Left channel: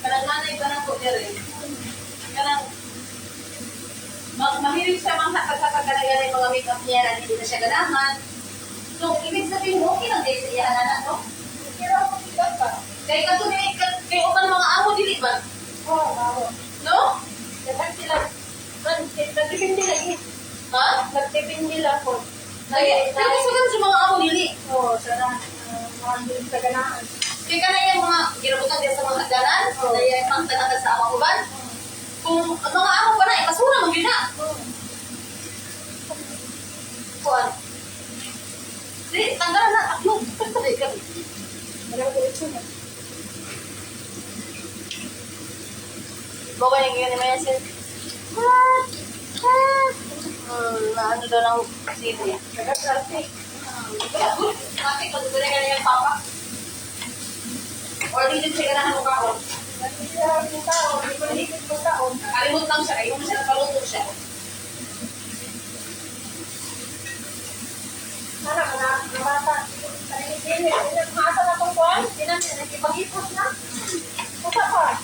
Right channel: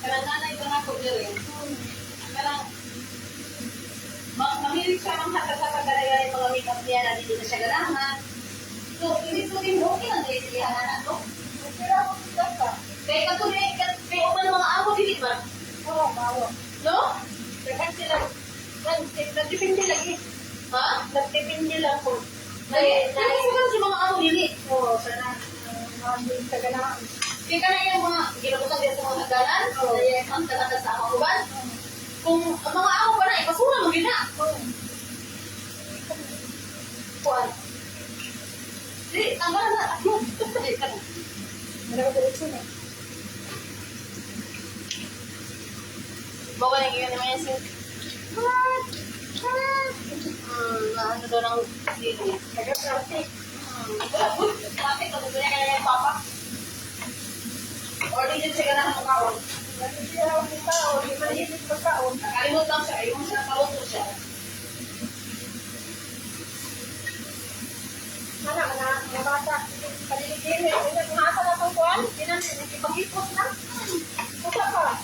Kanang nanay ba na ko rin? Kanang mahilig siya mga kapag-ganayan yung mga make-up niya na hindi na siya ganahan. So, ibig sabihin, okay lang din siya na, no? Okay lang ako dito pa. Kaya ka kay upan mga amo, dili ba? Oo, mawa. No? Dagan sila. Nagtipindi lagi. Ha? Nagtipindi lang po. Kaya ka sa mga amo, dili. Oo, sana. Nandun sa ganaan. Kaya ka na yung mga ginabutan din sa mga hagdanan, kaya yung pangtalagan sa amang uban. Kung ang mga amo pa na, ipasura mo din na. Kuan. Di, tanggalan na, taklo. Di, ganun. Marami diretso na. Bawa yung yun naman sis. What? What? Ano daw ng sili. Nag-traffic. Wala, good. Traffic, nagugulay ka na yung papa. Or di din siya ganahan mo kaon. Hindi siya yung taon. Hindi malihit yung taon. Nakalimot lang siya, ayaw mo siya nakaluto siya. Sana, mga bata. Paligid-ligid. Kumasa na itong kuwan. Nakipag-ipos na. Kusa pa.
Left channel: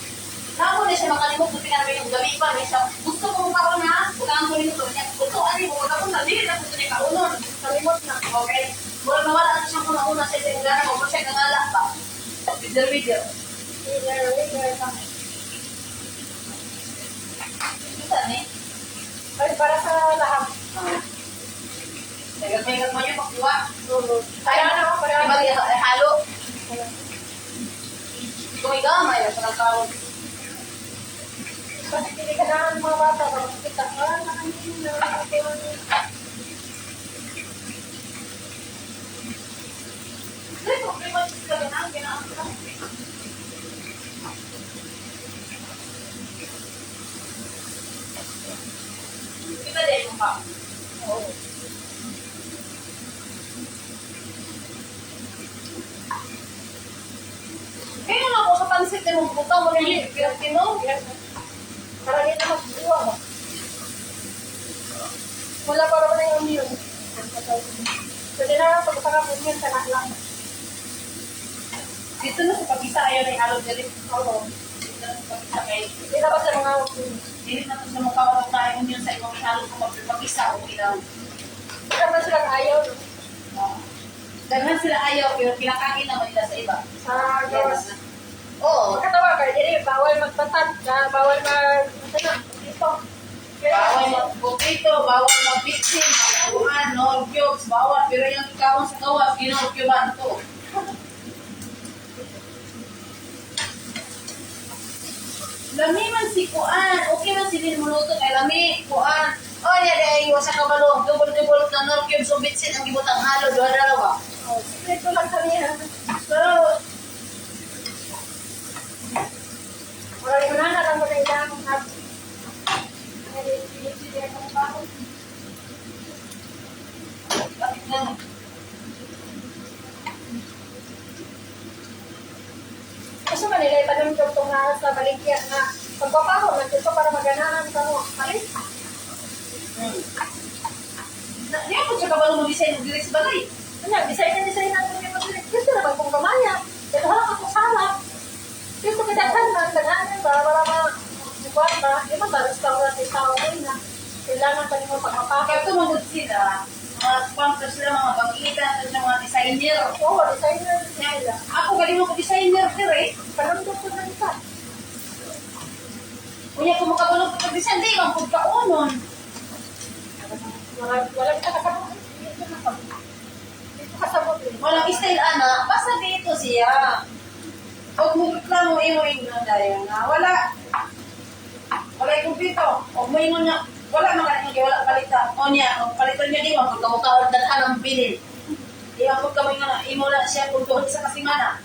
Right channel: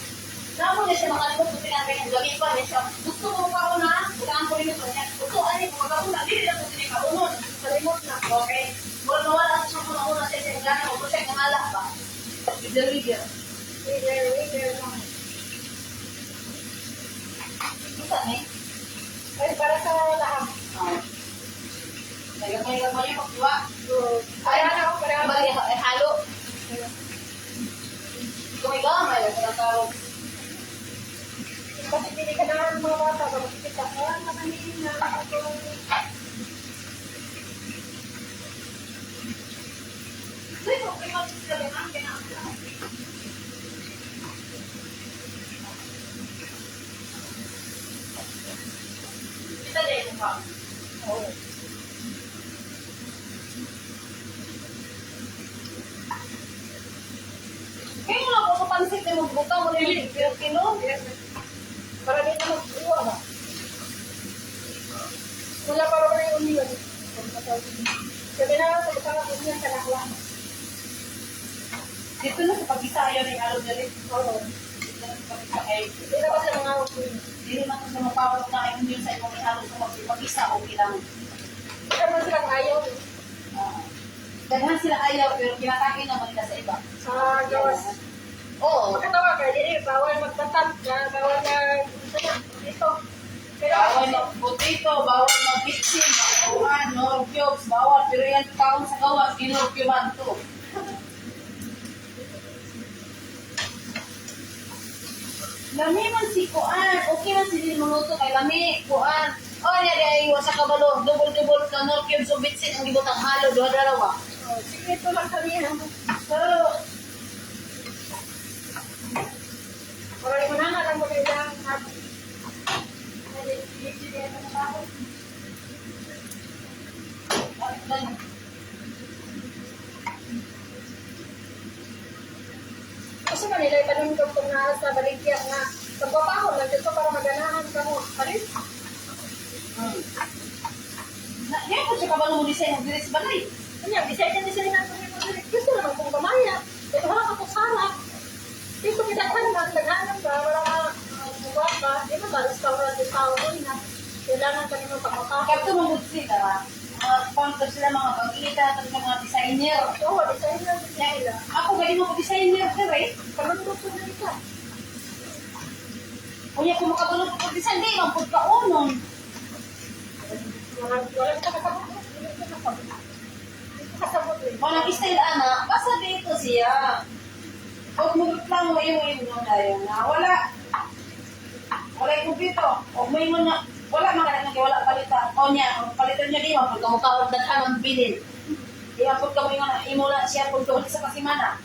Namo na siya makalimot, kasi ka namin yung gabi pa. May siya, gusto mo kaon na? Butaan ko rin ito. Gusto, ano yung mga kaon na? Dili na gusto niya kaunon. Kalimot na. Okay? Wala nawala na siya kung nauna siya siya gana mo. Kasi nangala pa. Video. Wigger lang. Isa ni? Ay, para sa laham. Nagagmay mo niya pagkuha. Kaya na ako, kaya na. Ibali halo. Kung igamay, sa tawag. Kasi hindi ka naman ng mga bata. Kapag kita, nakanin na. Dahil kung kayo magsisaga na, kailangan ko. Kita din mo pa. Oo. Kaya nga ako sa pansit na magbuka mo rin yung Pilipino. Yes. Para din na mag-iwa mo. Wala pa naman na yung yun. So, din na lang pagkakapon yan, kanak lang. Dito na sa pag-isaya na yung araw dali. Oo. Dito na sa pag-isaya. Hindi na ba sila mga Dili na ito sa mukha ko na yung yun sa ibang ihalo sa mag-isa o bilang. Hindi naman silang ayaw. No? Daghan sila ayaw pero pinakain naman nila sa iba. Sa Diyos. Oo. Pagkatawa ka, hindi, bawal magpatad. Bawal ito na, dito. Bawal mag-potato, bawal mag-bitsin, bawal no-cubes, bawal. Pero yung kaon sa kawas, kinurkuban to. Lami man si Kuan. Okay man si din muluto kay Lami. Kuan. Oh, niya day sa kabalo. Double ka no-cubes o bitsin ang gibutang halo. Dalawa. Oh, secret ko lang kaniya. Pero, Wala yung mga lang magkailang at hindi ako makaon. bakit ganun? Kasi Manila, ipanamdog itong na sa baligya na pagpapahon lang dito para maganahan ka mo. Halit? Ngayon po siya kabalo mo design ng direct sa bagay. Ano, design na kung mo dito. Gusto naman kung kamaya. Ito lang ako sama. Gusto ko daghan man, daghanan ba, wala ka buwan ba. Di ba ba, restaurant yung tao din na kailangan pa rin mo pagpapahon. Kapag tumugod sila, mga sponsor sila, mga pag-iita, sa mga designer. Oo, designer niya nila. Ako, galing ako designer, pero eh. Panamdog ko na ito. Kunya kung makabalo ko pag-design, di, ang pagkaunon. Walang kasabot. Dito kasabot din. Walang style, ana, basta dito siya. Huwag mo reklamo, iyo na dahil na wala. Wala yung dito. Huwag mo ingon na, wala mga wala palita. O niya, ang palitan niya din, pag kamukha daghan ng bilin. Iya pag kamo ingon na, imo na siya kung doon sa kasimana.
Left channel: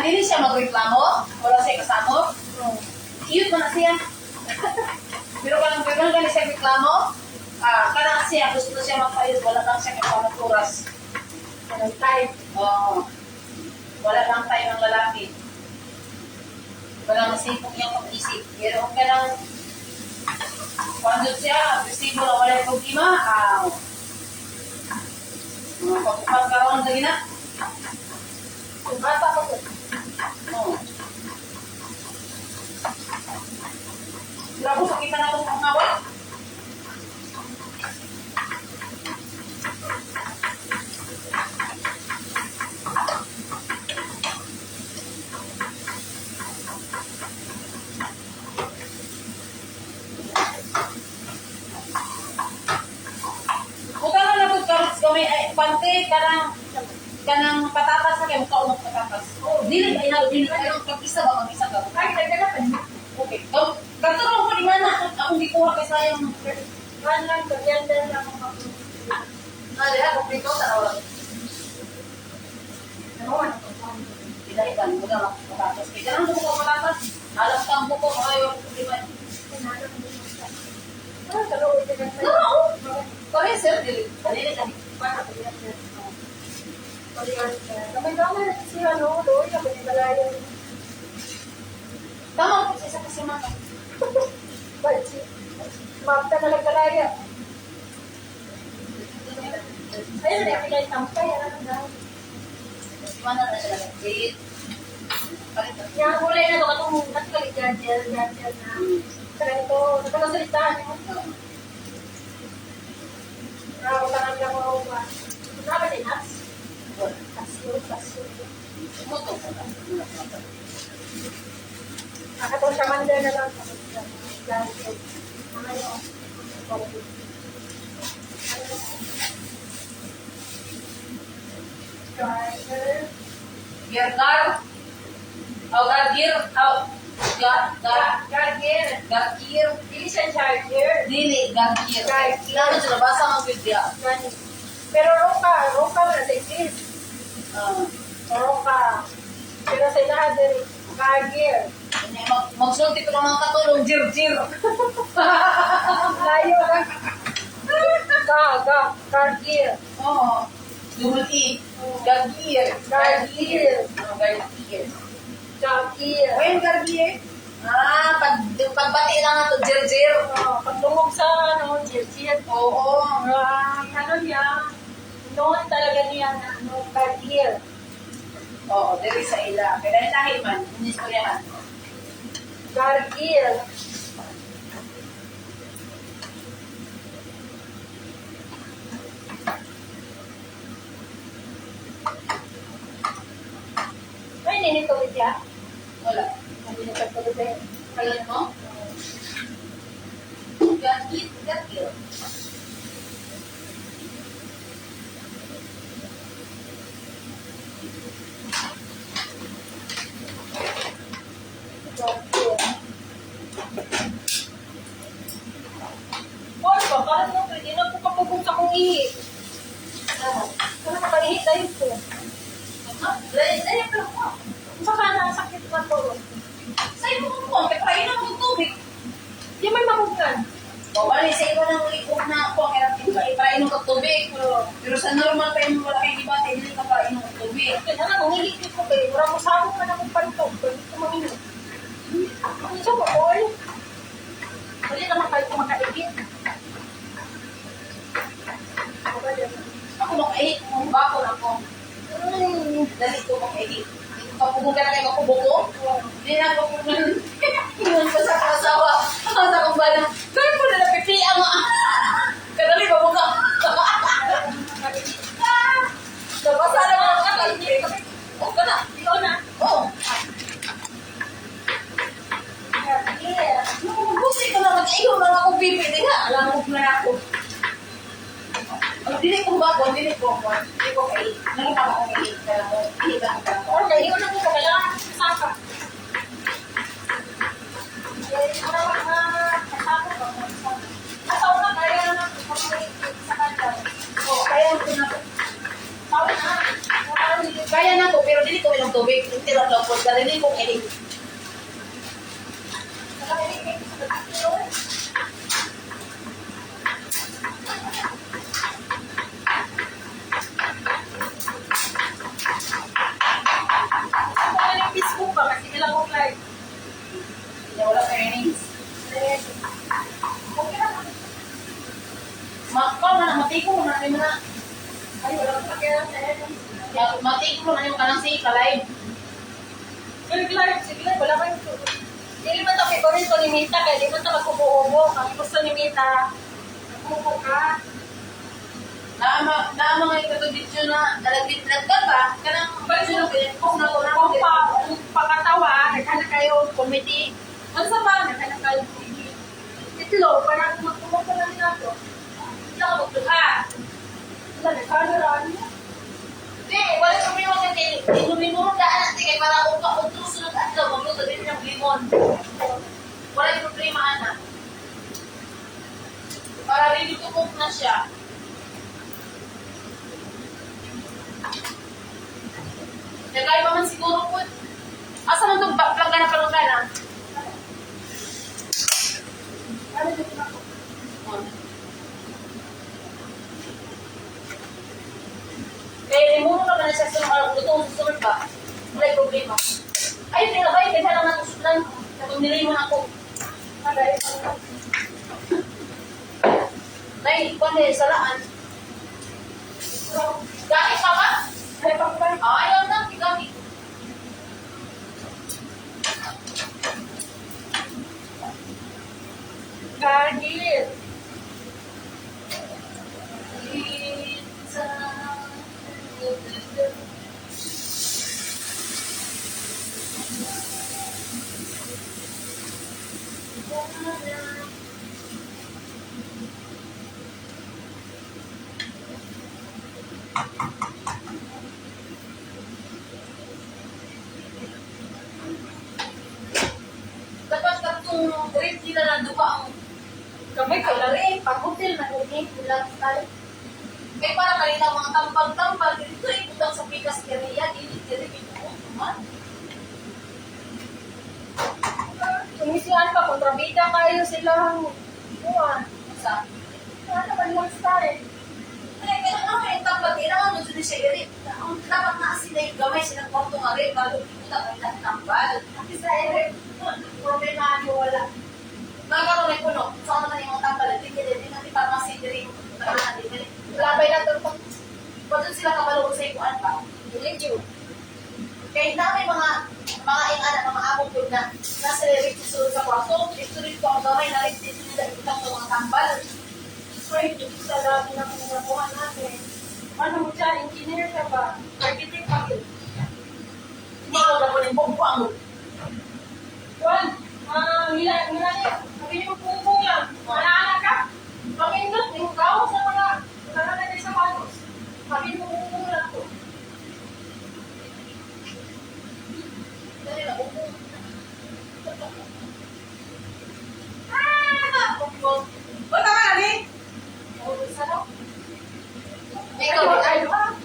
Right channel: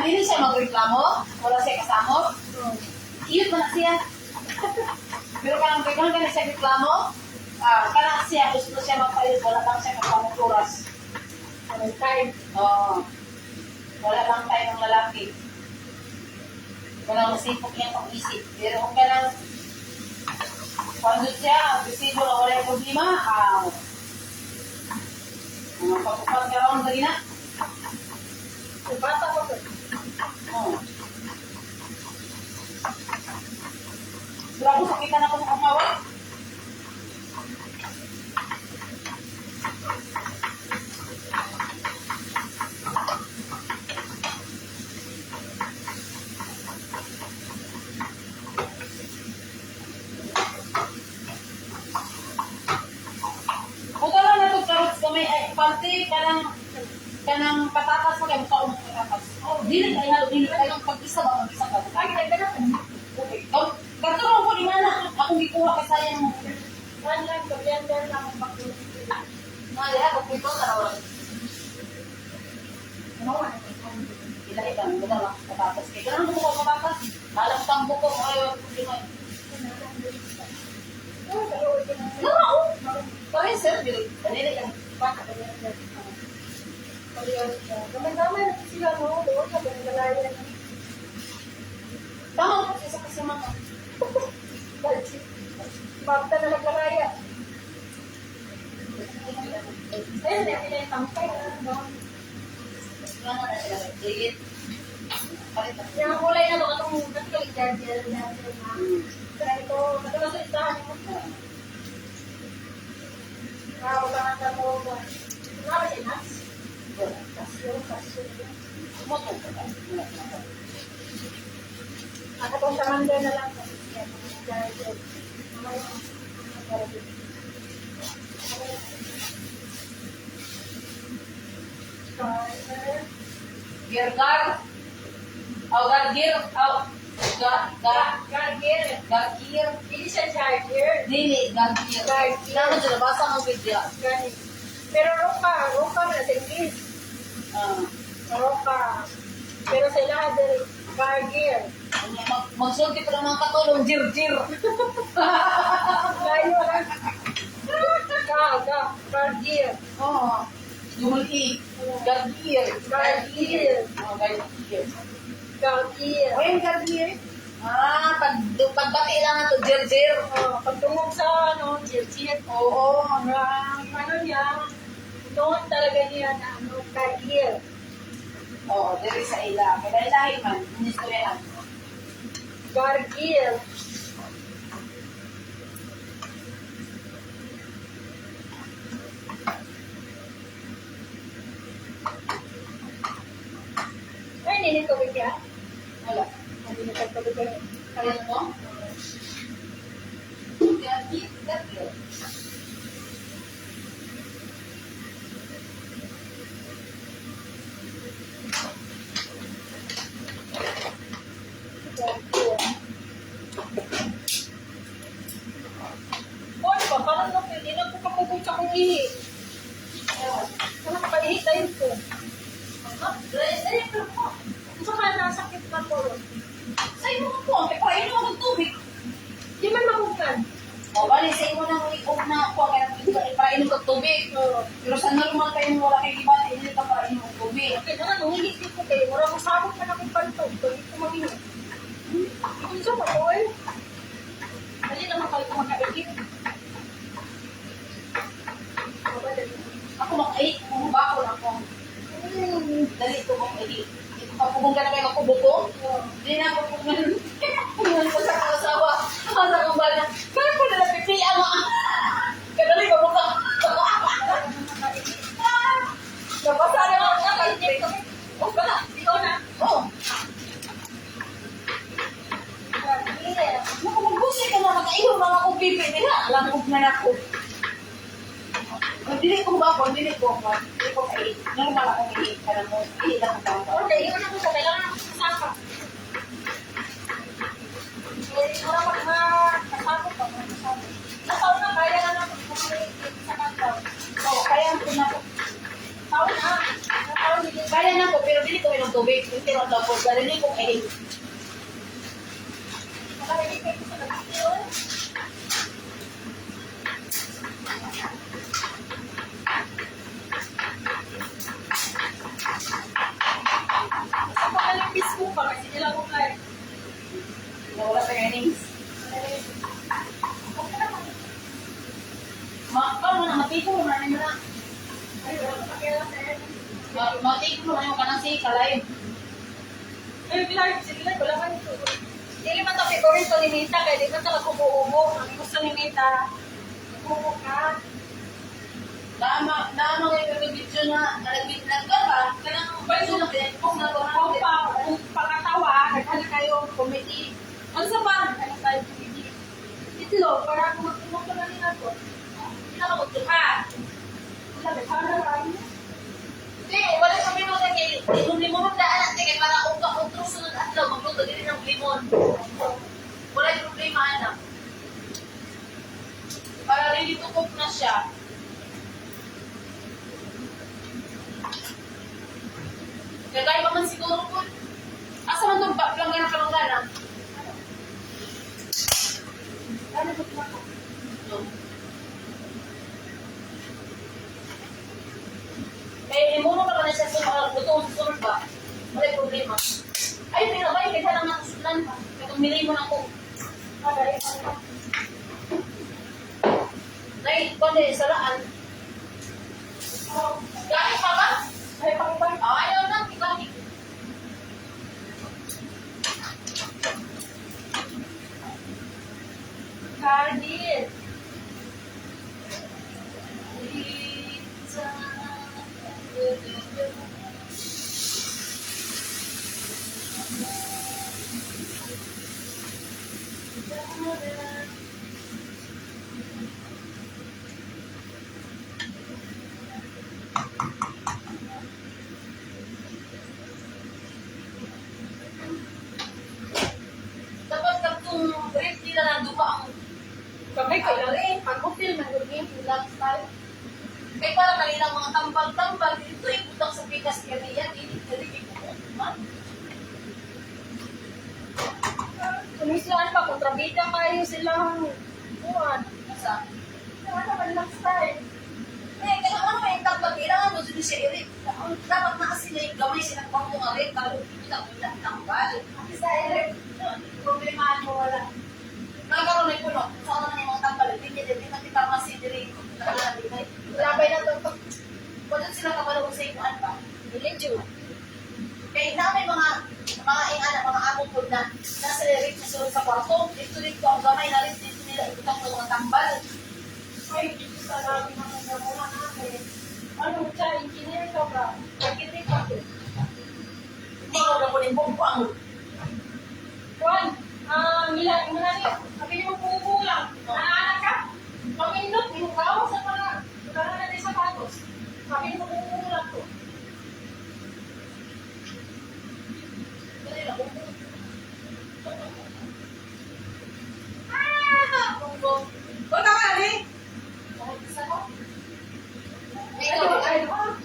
Kanang dili siya magreklamo, wala siya kasamo. Iyot mo na siya. Pero kanang gano'n siya reklamo, kanang siya, gusto siya magpayot, wala lang siya kapamang oras. Walang time. Oo. Wala lang tayo ng lalaki. Walang masipok niyang pag-isip. Pero kung kanang pandot siya, agresibo na wala yung problema, mga pagkupat ka ron lagi na. Yung bata ko to. Oo. Wala ko, pakita na itong mga hawak. Buta na na carrots kami, ay, pante, kanang patatas na kayo, kaunong patatas. Oh, dili kayo halo, dili kayo, pag-isa ba, mag-isa ka. Ay, nagdalapan. Okay. Ganto lang po, di mana, akong gikuha kay sayang mo. Ano lang, kuryente lang ako mag-inom. Diha, kumpleto, tarawa. Ano, ano, Ilahitan, wala lang patatas. Kaya ganang bumuko patatas, alam tang buko, ayaw, di ba? Ah, kaluoy ka na. Oo. Kaya sir, dili kami. Baka kaya na. Damay-damay na sila, no? Doon, sa Pagkalayan. Tama po siya sa kasimata. Balsi. Mapta na lang kalaya. Ayun, na pinay-tampay. Mana na siya legit. Palit na. Yang mulai na ito, katong natikali jajel na. Kaya ito, nagkamasalitaan mo. Nakapatangan ka mo. Nakapatangan din, Nats? Kasyo. Moto ka ba? Akatong kamanda na lang. Jajel. Ano yun? Driver. Gergar. Au gargir. Au. Gargir. Gargir. Dili siya charger. Dili, gargir. Gargir. Naman siya, nabasa ang video. Ganit. Pero roka na sa English. Roka. Pero sa ilaha din, gargir. Magsulti pa naman katulong, jir-jir. Layo ka. Gargir. Oo. Double E. Gargir. Gargir. Gargir. Gargir. O yung gargir? Pagbati lang na to, jir-jir. Pagtungog sa jir-jir. Oo. Ano niya, noon talaga niya na gargir. Oo, diri sa ila. Kaya dahil lahi man, inistoryahan. Gargir. Ay, ninitawid ya? Wala. Hindi na pagtawid ya. Kaya mo? Gargir. Gargir. Gargir. Boy, ba? Parang naman pwede na po kapagod sa kong ihi. Parang makaihi tayo po. Dahil pero po. Kung saka nasakit na po. Sa iyo mo po, kaya painom mo ng tubig. Yung may mabukan. O, bali, sa iyo nang iog na ako, kaya ipainom ka tubig. Pero sa normal pa wala kay dibate, hindi ka painom ng tubig. Kaya na, nangihi ko kayo. Wala mo sabong na akong pantog. Pwede ko manginom. Isa mo, boy. Hindi naman kayo kumakaigit. Ako makaihi, kung bakol ako. Dali ko makaihi. Kapugong ka na kayo makubuko. Hindi na ako pumungan ko sa kasawa. Ako sa kong bala. Kaya po nila pipian mo. Kadali ba mo ka? Nabasa na mo ka. O ka na. Ikaw na. Oo. Yeah. Naku, magbusi ka na. Mag-iho na ako pipi. Di na. Alam mo na ako. Dili ko ba ko? Dili ko kayo. Normal ako kayo. Kaya mo, ihita ko ka. Okay, yun na po. Kailangan saka. Para makasakot ko. Nasaw na, kaya na sa kanya. Oo, kaya ko na. Tawin na. Kaya na ko, pero dili ko akong tubig. Hindi na daw po. Dali ko kay. Nakailigay ko sa pagkakilo. Ako nga yung Facebook pa kasi ilang ko live. Na wala ka earnings. Okay lang. Paano na? Matiko mo na. Ano mo na? Ay, wala ko pakialam sa akin. Matiko mo na yung kanang si Kalay. Live, sige live, wala kayong tuloy. Hindi man ito favorito ni Mita, kaya di man ito nagkubuobo. Ang gusto ni Mita, nagkubo ka. Na mga ito video na nalagbitlag ka ba? Kanang pwede kung na ko na ako. Kung pakatawa, naghanap kayo comedy. Ano sa ba? Naghanap kayo comedy. Itlo, para kung magkumuha na nila ito. Hindi na ka magduha. Wala, naghanap niya. Hindi, wala ko may mga kay limon daan natin kay para kung sunod at daw magluto din ng limon. Wala yung problema na. Para rin ito cook na siya. Nagay pa man siguro po. Asa man itong planggana? Ano dito na ako? Kaya limuno ka ba na siya sa luto ba? Wala yung problema. Ay, hindi na ba? Kaya lang nakusulan. Kapag nilimon ako. Agay, ano? Nay, kung dahil salaan. Gamit pa ba? Ay, pangpay. Ayaw na, gamit. Gargil. Dapat katong rate nila na duka ang Kamay kay lari, pag-hotel na lagi, ilang style. may para kanilang mga tambal-tambal dito ibutang sa pikas area dili ko man. Kumisiyan pa, kontrabida kayo silang buwan. Sa Ano naman lang style? kaya ano may tambal kailangan mo dito sa area. Ang dapat na sila gamay silang kwarto nga rin para kita kanilang tambal. Kasi sa ere, problema ano wala. Nagkaroon may puno. Saan naman yung mga tambal? Hindi natin pharmacy diri. Labay na to. Pwede sila kabalong sa ikuan pa. Religion. Kaya na may mga ingana, mga among food na nasa lyrics na sulod sa kwarto. Dito ang gamay na rin dito nila ikutang ng mga tambal. Ay, ito sa labi na kung nabuha natin. Ano mo siya, engineer ka ba? Architect pa yun. Hindi ko ba po ng bumbuang. Juan, Milani, sabi niyo bunga. Manaanak ka? Pag-indot, may hugaw sa mga natin sa patos. Sabi niyo bunga to. Dali na, bumbong. Bumbong. Huwag ka nga, Ali! Ikaw, Ay, ba?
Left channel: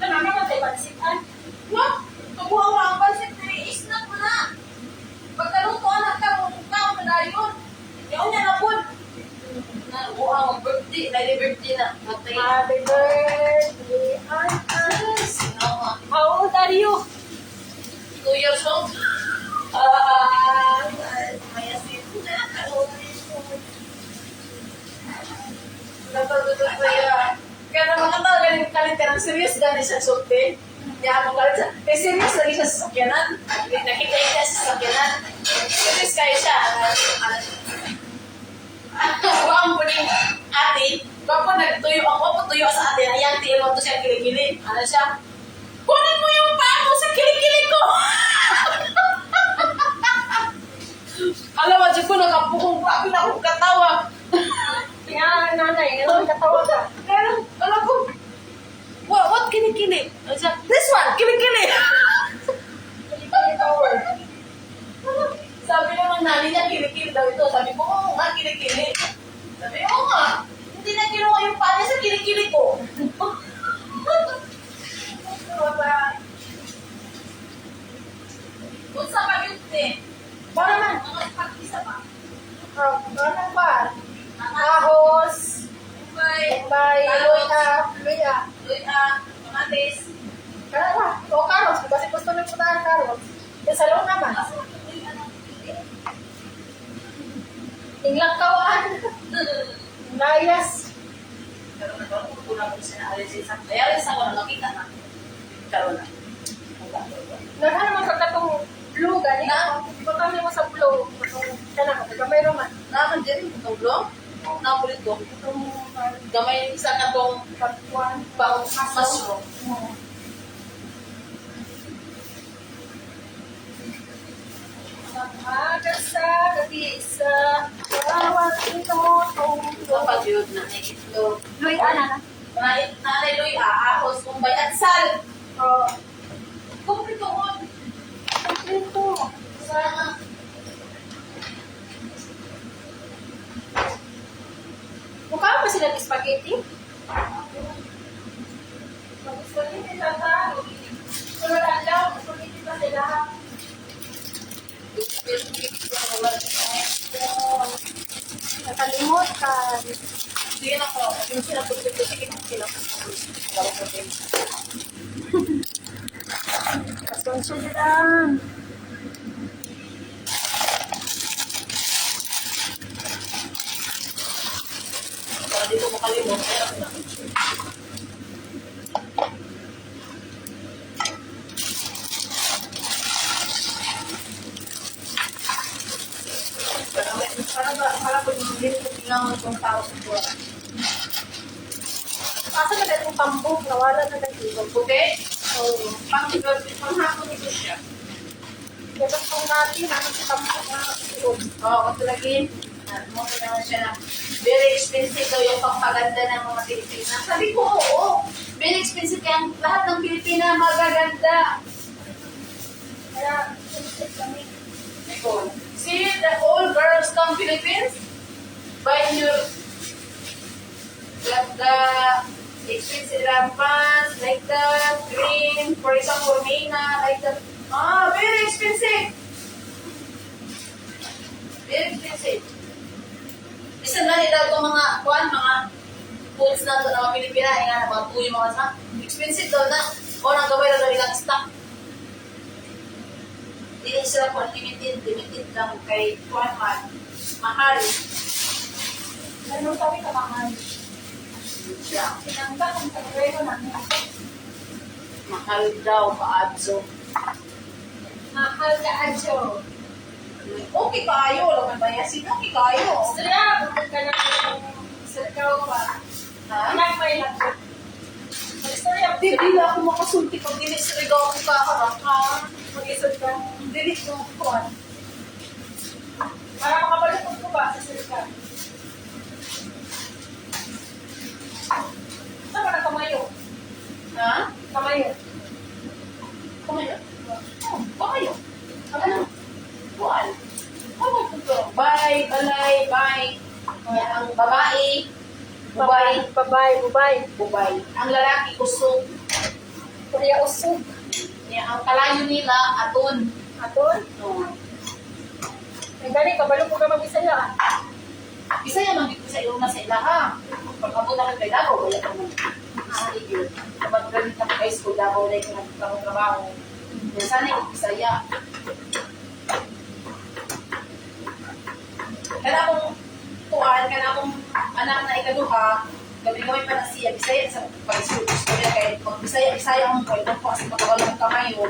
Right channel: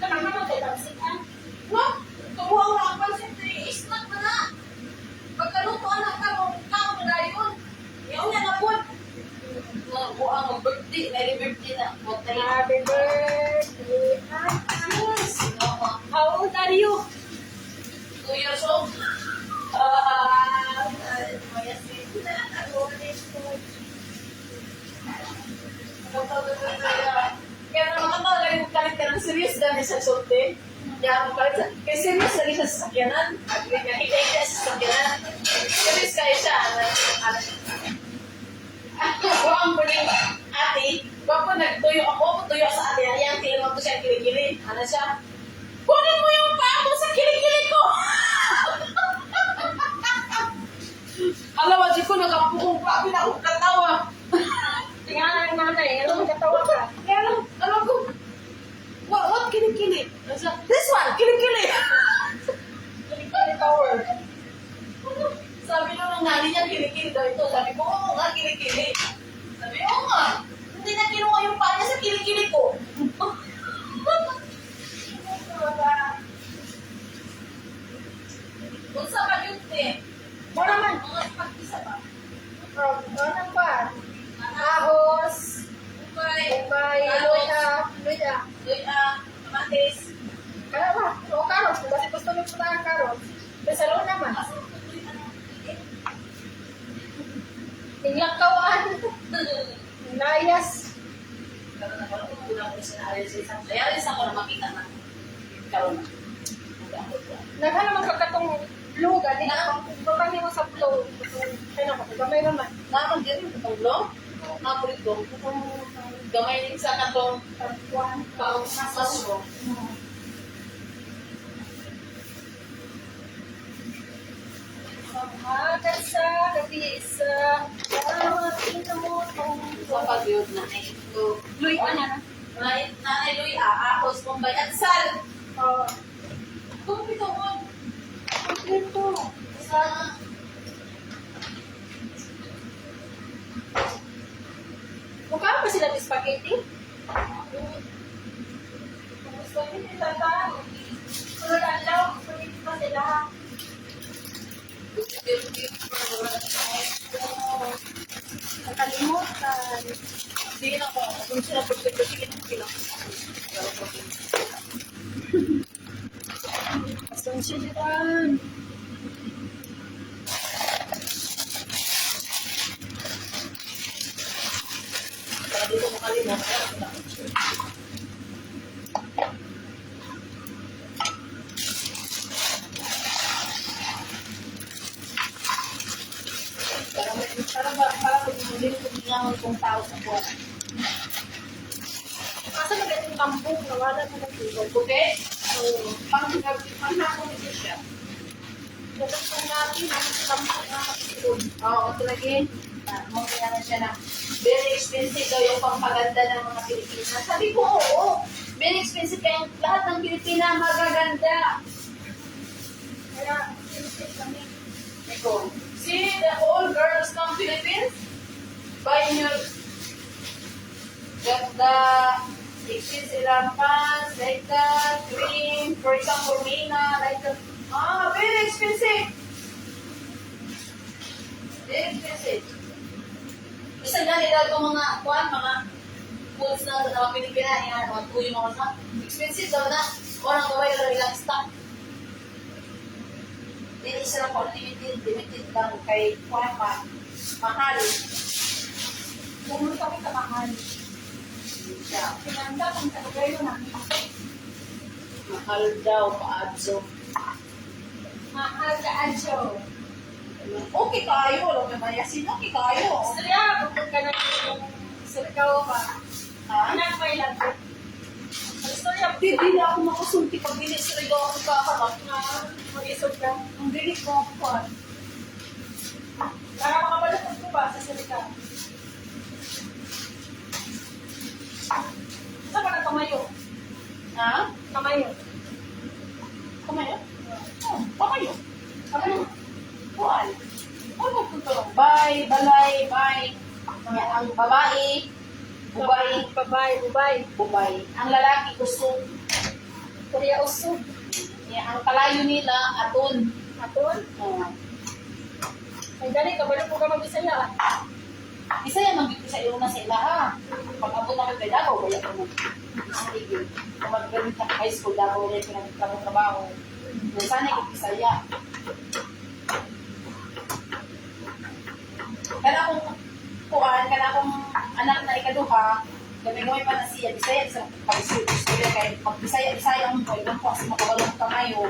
Namamatay ba sitan? What? Kabuha mo ang pansit na i-snack mo na. Pagkaluto, anak ka, taon na dayon. Yaon niya na po. Buha mo birthday, birthday na. Matay. Happy birthday, Anna. Sinama. How old are you? 2 years old. Mayasin na. Kaya naman ka talaga yung kaliterang serious gani sa sulti. Kaya mo kaliterang, kaya serious lagi siya sa sakyanan. Nakikita siya sa sakyanan. Serious kayo siya. Huwag po ni ate. Huwag po nagtuyo ako. Huwag po tuyo sa ate. Ayan, tiil mo to siya kilikili. Ano siya? Kunin mo yung paa mo sa kilikili ko! Alam mo, di ko nakapukong grabe na akong katawa. Tingnan nanay, ano katawa ka? Pero, alam ko, what kilikili? Ano siya? This one, kilikili! Kilikili tower. Sabi nung ng nani niya, kilikili daw ito. Sabi ko, oo nga, kilikili. Sabi, oo nga. Hindi na kinuha yung paa niya sa kilikili ko. Unsa pa yun eh? Mo naman. Mga pag-isa pa. Anong ba? Ahos. Okay. By Luya. Luya. Kamatis. Kaya ba? O karos. Kung kasi gusto nyo puntahan karos. Pero sa loob naman. Asa mo luya ng pili? Tinglang kawaan. Layas. Karoon na karoon. Kulang ko siya na alis sa alis ako na makita na. Karoon na. Naghan naman sa katong blue gani. Iba kami mo sa blue. Kana ka gamay naman. Naman din itong blong. Napulit ko. Itong gamay sa katong Kapuan. pang mushroom. Magasa gabi sa bawat inutong Sa pag-yod na ito. Luy, ana na. Nanay Luya, ahos, kumbay, at sal. Oh, Kumplito mo. ito. Sana. Mukha pa sila ng spaghetti? Spaghetti tata. Sunod alaw, spaghetti pa sila. Nakalimutan. Sige na ko. Yung sila pagpito, sige na sila. Laro ko din. Pasensya dyan. Para di ko makalimot. Kaya kasi na. Para ko yung hindi ko tinangon kung tao sa buwan. Kasi nagay kong tambok, nawala na nag-ibog. Okay? So, panghapon ito siya. Nagay kong natin, namin si tambok na nag-ibog. Oo, ito lagi. Mo kailangan siya na very expensive daw yung pangpaganda ng mga Pilipina. Sabi ko, oo. Very expensive kaya lahat ng Pilipina magaganda. Kaya, sinisip kami. Nicole, see the all girls come Philippines? Buy your the expensive pants, like the cream, for example, Mina, like the very expensive. Very expensive. Isang na nila itong mga foods na ito ng mga Pilipina, mga tuyo, mga snack. Expensive daw na. O nang gawin na daw ilang stock. Hindi sila po limited lang kay kuwan man. Mahal. Ganun kami kamahal. Siya. Pinangga kung sa gobyerno namin. Mahal daw, paadso. Mahal ka, Adjo. Okay kayo, wala may bayasin. Okay kayo. Istorya, bukod ka na yung sirkaw pa. Ha? Anak may lagot. Istorya, Hindi na ako makasulti pag dili sa ligaw akong kaharap. mag-isod ka. Ang dili ko ako kuwan. Para makabalukod ko ba sa sirkaw? Saan ka nagkamayo? Ha? Kamayo. Kamayo? Oh, kamayo. Ano? Kuwan. Ano po ito? Bye, balay, bye. Ang babae, bubay, Bubay. Ang lalaki, usog. Kuya usog. Ang kalayo nila, aton. Aton. Oh. Ay, dali, kabalukod ka mag-isaya. Isa yan ang dito sa ilong na sa ila, ha? Pag abot na kay Davao, wala ka man. Sige. Kung mag-graduate na sa high school, Davao na ito nagtrabaho. Sana yung Bisaya. Kaya akong anak na ikaduha, gabi-gabi pa na siya, Bisaya sa pag-istorya kaya pag Bisaya ang pwede po kasi makabalong kamayo.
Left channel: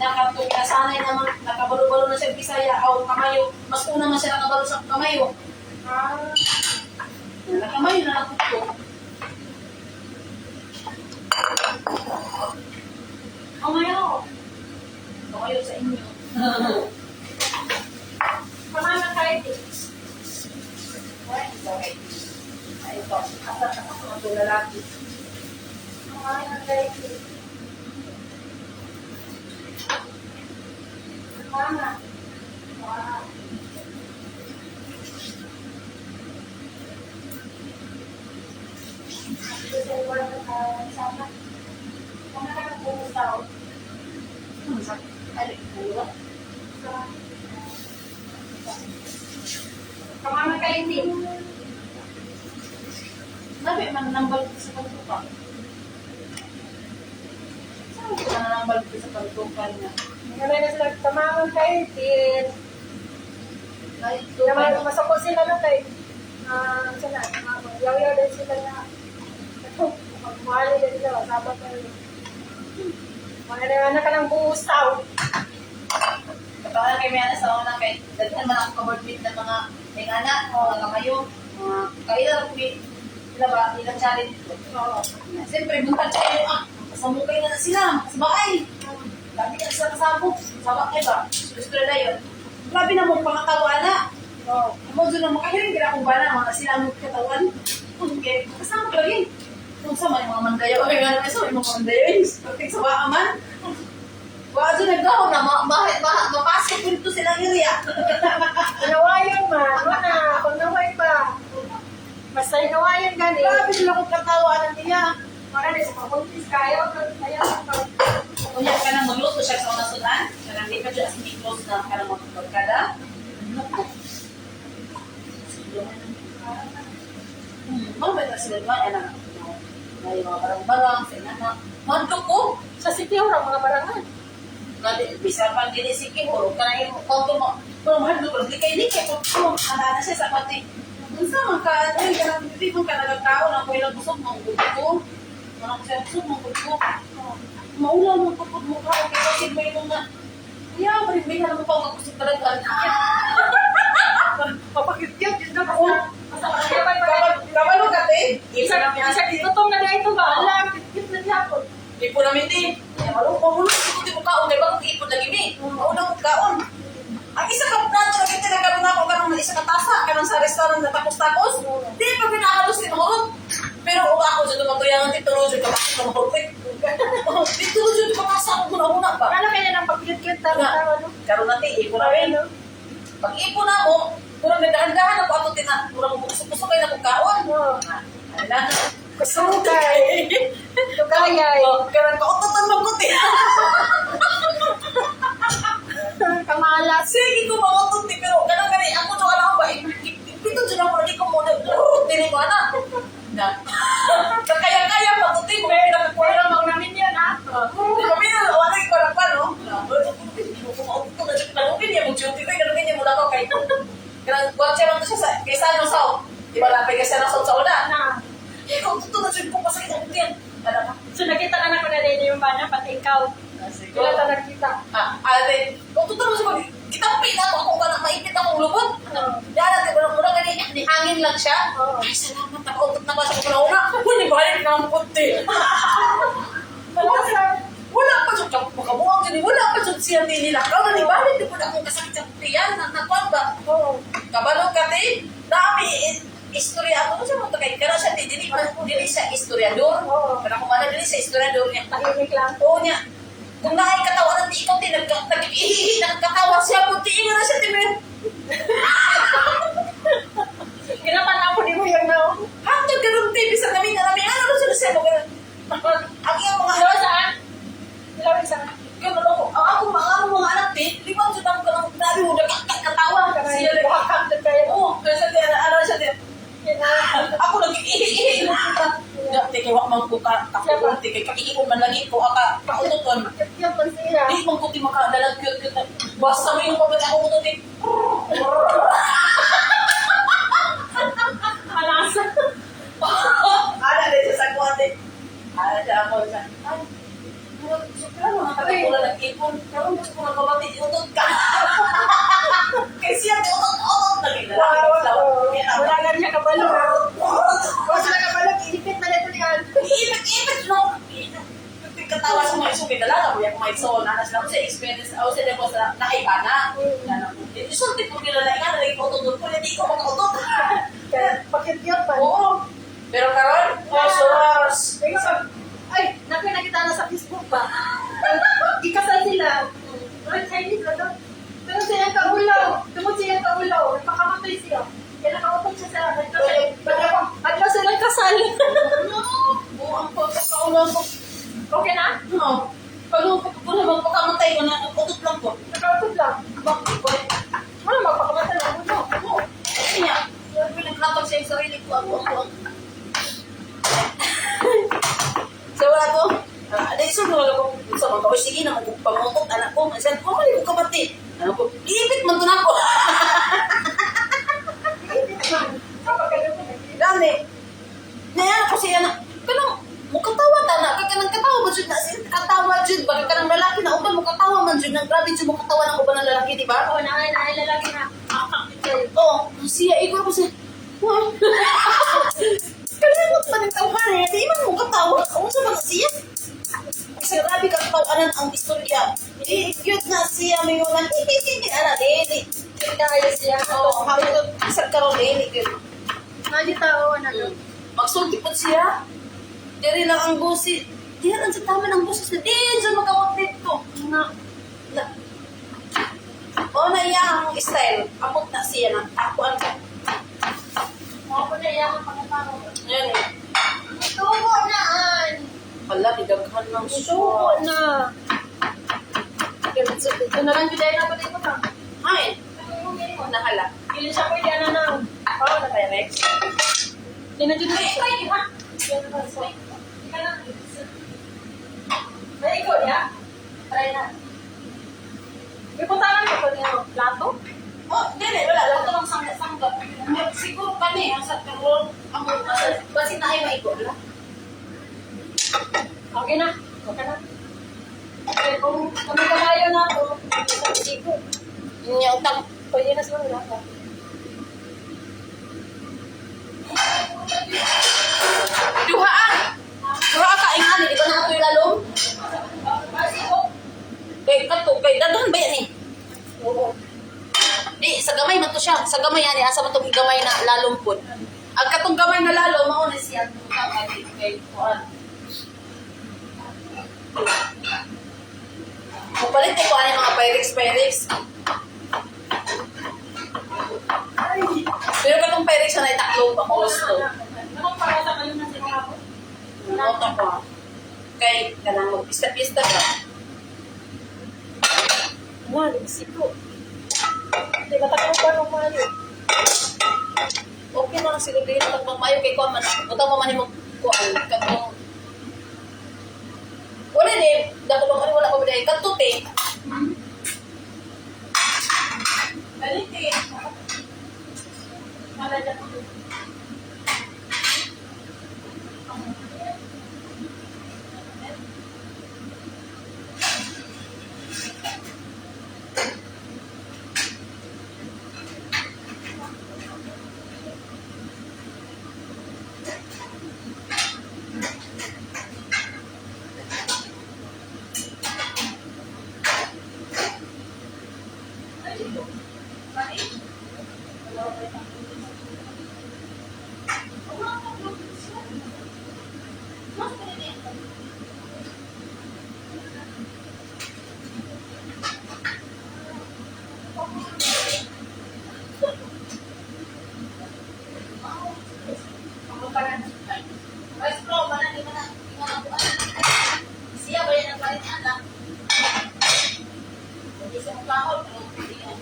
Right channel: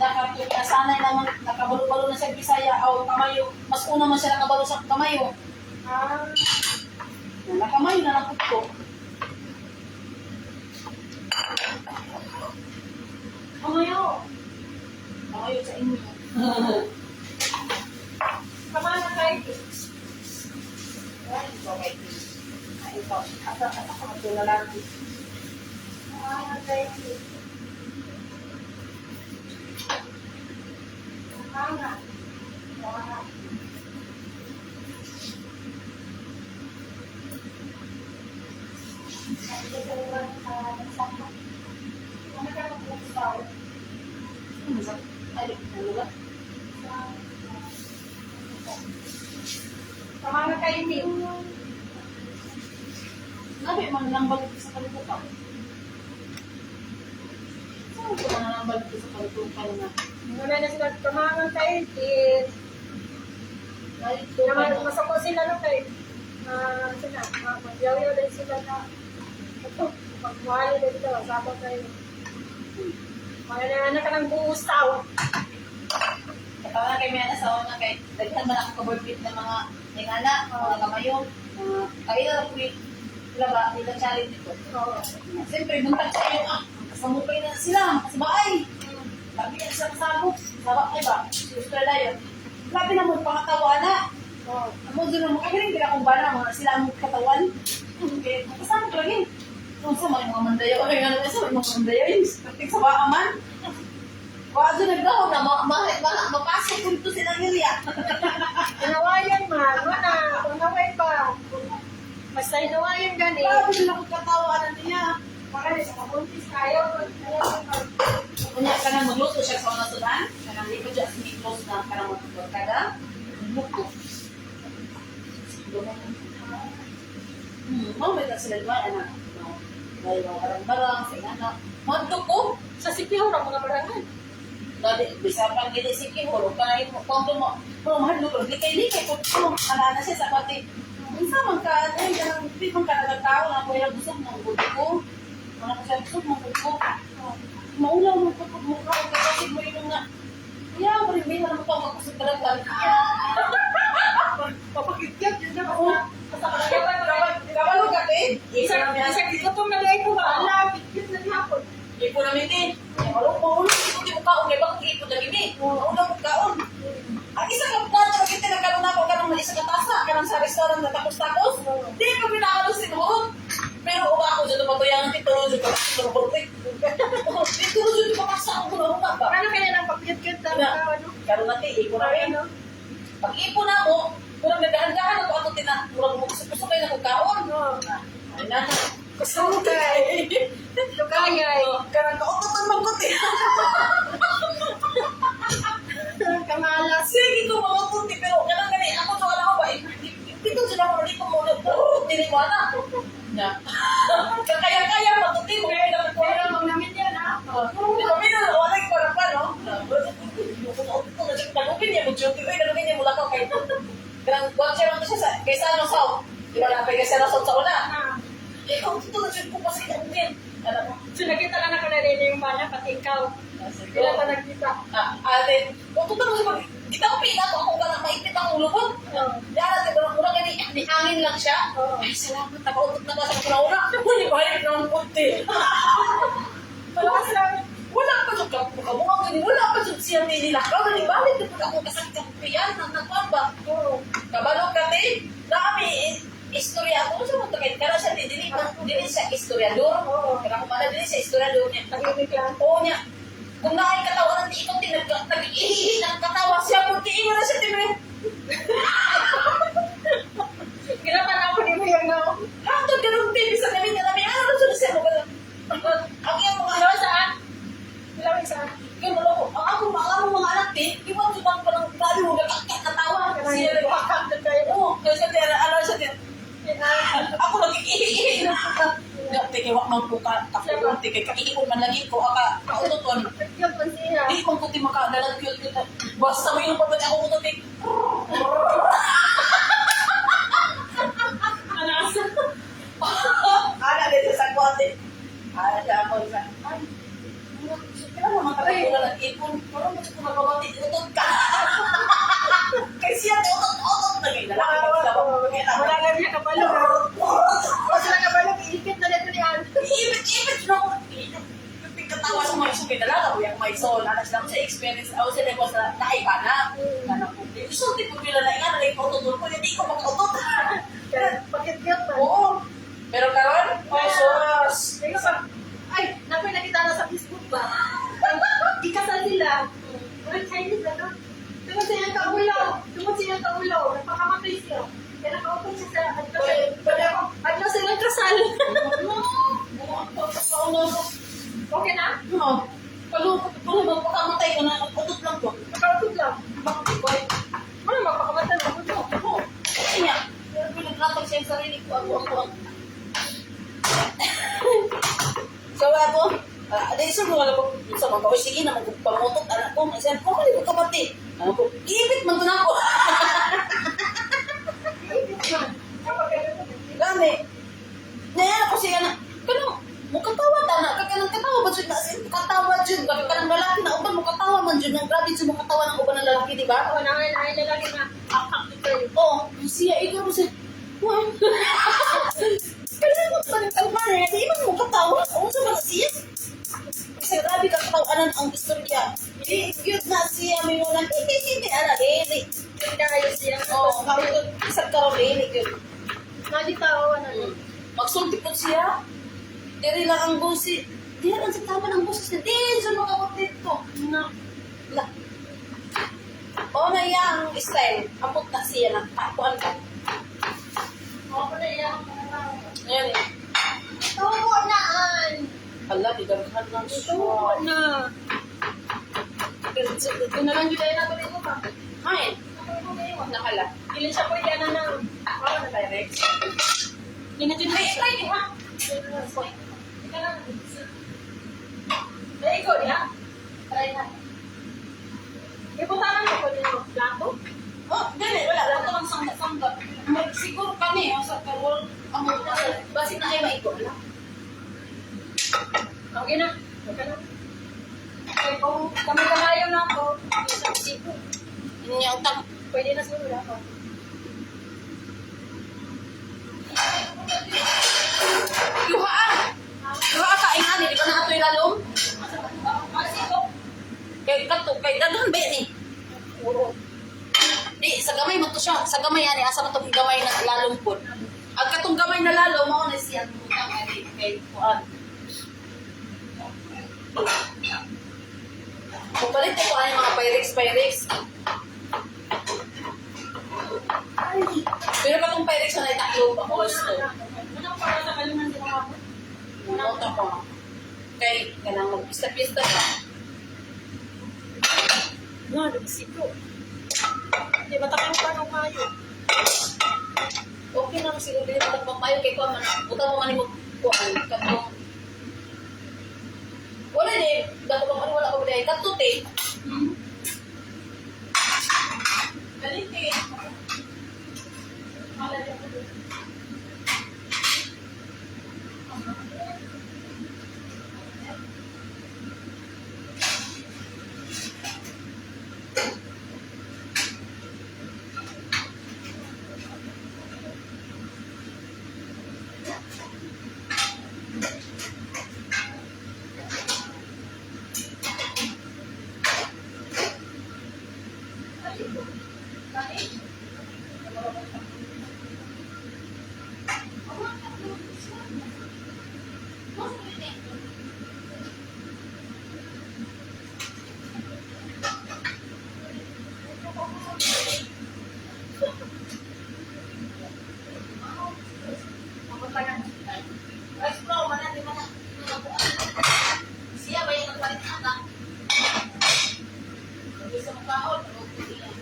Nasanay naman, nakabalo-balo na siya Bisaya o kamayo, mas una man siya nakabalo sa kamayo. Nakamayo na nakupto. Kamayo. Kamayo sa inyo. Kamana kahit. Okay. Ito. Asa ka mga ito lalaki. Kamana kahit. Kamana. Wow. Sana. Kamana ka ng busaw. Ay, dalawa. Kamama kayo din. Nabi man nambal sa pagkukan. Saan ko man nambal sa pagkukan na? Ngayon na sila kamama kayo din. Ay, ito Naman, masako sila na kay sana, yaw-yaw din sila na ito, magmahali din sila, sabag kayo. Mga na ka ng buhos tao. Kapag kay may anak sa una kay daghan man ako kabordbit ng mga ingana, mga kamayong, mga kailan ko ilang challenge ko. Oo. Siyempre, buntag kayo, kasamukay na sila, sa bahay. Labi ka sila kasabok, sabak kayo ba? Gusto na yun. Labi na mong pangatawa na. Oo. Ako doon na makahiling, kaya kung ba na, mga sila ang katawan. Okay, kasama ko lagi. Kung sa mga mandayaw, ay nga naman may mga mandayaw, yung sa baaman. Wala doon nagdaw na, mapasok ko dito silang area. Nawayan man, wala, kung naway pa. Basta nawayan gani. Labi sila kong katawaan niya. Makanya sa pabuntis kayo, kaya Kunya ka nang magluto siya sa unang sudan, kanang di pa dyan as close na ka nang magkagkada. Luto. Mamay na sila naman, yan na. May mga barang-barang, sa inana. Madlok ko. sa sityo raw mga barangan. Bisa pang dili si Kihor, kaya mo, kung mo, kung mahadlok ko, likay-likay, kung ala na siya sa pati. Unsa man ka, ay, kanang hindi man ka nagagtao na ko ilang busog mong gusto ko. Ano ko siya busog mong gusto ko. Maula mo kapag mukha ko kasi mo yung na kaya marimay na mo pa magkusog talaga. Papakityat, yun na Oo. ako. Kabalo ka te? Isa itutom na na ito ba? Alam, kitkit na dihapon. Ipo namin te. Mahulog ko di mo kaon kay bakit ipo na gini. Mauna mo kaon. Ang isa ka plato na kita nagkaroon ako kanang isa ka tasa kanang sa restaurant na tapos-tapos. Di pa pinakalos ni mahulog. Pero ako sa tumatuyangan ti tuloy ka bakit mo mahulog. Di tuloy ka makasa ko muna ba? Ano kaya nang pagkitkit na ano? Karon na ti ipo na rin. Pag ipo na mo, kurang nagdahan-dahan ako ato tina, kurang gusto kayo na kung kaon. Ano? Gusto mo kay. Tukagay. Karang kautotan mo ko ti. Kamalas. Sige ko mautot ti pero kanang gani ako to ala ko ba. Ito dyan ako lagi ko mo tini mo ana. Na. Kaya patuti mo kaya na ko Pero mang namin yan ha. Di kami na wala ko para pa no. Ko mautot na sa talupin niya mo duty kay kanang niya mula ko kay. Kanang watch lang to siya sa kaysa ano sa. Di ba lapay kasi na sa una. Na. Ikaw tuto na siya po pasakit ang din. Ano ba? So nakita ka na ko na rin yung bana, pati ikaw. Sige. Kailan ka nakita? Ate, kung tuto mo siya, kita ko pila ko ako parang maipit akong lubot. Dara, di ba, mura gani, di hangin lang siya. Ay, salamat, nakautot na ba sa kuna-una? Huli, balik na ang puti. Wala pa siya, makabuang siya, wala pa siya siya nililakaw na nibalik, di po na akong kasakit sa piyan, nakuan ba? Kabalo ka, te, dami, istorya ako sa mga kay kara siya dili siya historiador. Kana ko man dili siya historiador niya. Tahimik lang. Oo niya. Kung naay katawanan di ikaw din nag-ihihi nagkatawa siya pud tingin na siya timen. Ginapan ako di mo yung no. Hangtod karon TV sa namin na namin ano na siya mo. Ang iyang mga Ilaw saan? Ilaw saan? Ganun ako. Ang mga anak di ba jud ako kanang dali mo katawa siya Kanang buhakam doon kayo. Oo, kasi ano siya din. Ako nag-iihi. Dati kay wak man ko kaputi kay kaiion man lagi ko aka kautoton. Yung pansiya. Di man ko ti makadalag cute. Basta may yung pagkat ako utotin. Anasa. Ana din sa kote. Ana siya ako siya. Ay, kaya naman kaya ko lang ipon. Karon gusto ko na pabati utot ka. Kay siya utot lagi na. Wala lang niya kabalo. Wala lang kabalo, iipit na dito ni Al. Iipit no. Katawa sa mga isong dalaga, kuya may son, anas lang sa experience, o sa depos na nakaiba na. Na po. Isulti po nila na nga, nalagay ko utot ko, hindi ko makautot. Pakityat pa. Oo. Pero karon, sos. Ay, nakita na sa Facebook ba? Ikasal sila. Parang Chinese na doon. Tungod siya kaulaw. Nagpakamatay siya. Kaya nakautot siya sa Agla silang kasal. Buang ko sa kaulang ko. Okay na? Oo. Pag magpakamatay ko na, utot lang So ako, dahil sa mga ko sa mga kaway, sige na magpamotot anak ko. Sabi ko, mali ko kapatid. Ano ko, giibit man to na ako. Gani. Ngayon ako siya na, kanang, mukatawa ta na, kanang katawa ba dyan na, katawa dyan, bakit kanang lalaki na uban, mukatawa man dyan, nang grabe dyan mukatawa ng uban ng lalaki, di ba? Oo, na lalaki na akak dito. Oo, siya, ikaw ko siya, wow. Kalimot man yung tawhan eh, di man mukatawa, kung sa mga siya. Kasi grabe ka katawanan ang istorya. Cute na siya, may yung hindi, ala, di. Kaya siya. Oo, habang isang karoon, cute. Nadi tao, ano? Magsulti po siya. Diri lang ang busi. Diri lang sa tama ng busis na. Diyos makawag dito. Na. O na iya ang style. Amot na siya na. Takuan ka. Mga po na iyan ang pagkatao. Ayan eh. Tubo naan! Hala, bigaghan ng Tubo suso. na! Ito na lang yung dahil na pati ko ta. Ay, nahala. Ilin siya po yung na. Oo, na tayo next. Hindi na dyan Ay, ay, ha? Ay, ikaw niya? Try na. May puntahan ko po yung plato? Oh, dili, wala. Lato lang sanggap. Siguro kani, ang sa karwal, ang basi na ay maigo. Wala. Okay na. Okay na. Okay, kung kami-kamayo na ito, isang chico. Yun yung tam. Pwede na sila wala ko. Duhaan! Duhaan ka, ay nga, hindi ko na ito yung lalong. Kay dadun ba yan eh? Oo. Di, sa gamay man to siya. Sa gamay yan, asa man itong gamay na lalong po. Ang katong gamay na lalo, mauna siya. Kay Kuan. Kung palit ko kuan yung mga Pyrex. Pero katong Pyrex na itaklo pa ko gusto. Anong para sa kalunan si mga po? Nota ko. Kay, kanang mag-pista-pista ka. Nga, lugsiko. Di ba takang ba ng mayo? Okay na kasi gabi yung pagpamayo kay Kuan man. Butang mo man yung Kuan. Katong wala din. Dapat ba wala ko ba dahil katuti. Kaliti. Malaya ko doon. Rice flour, mana di mana buat. Siya ba yan ang palit anak? Bisa mo kahol, pero hindi yan.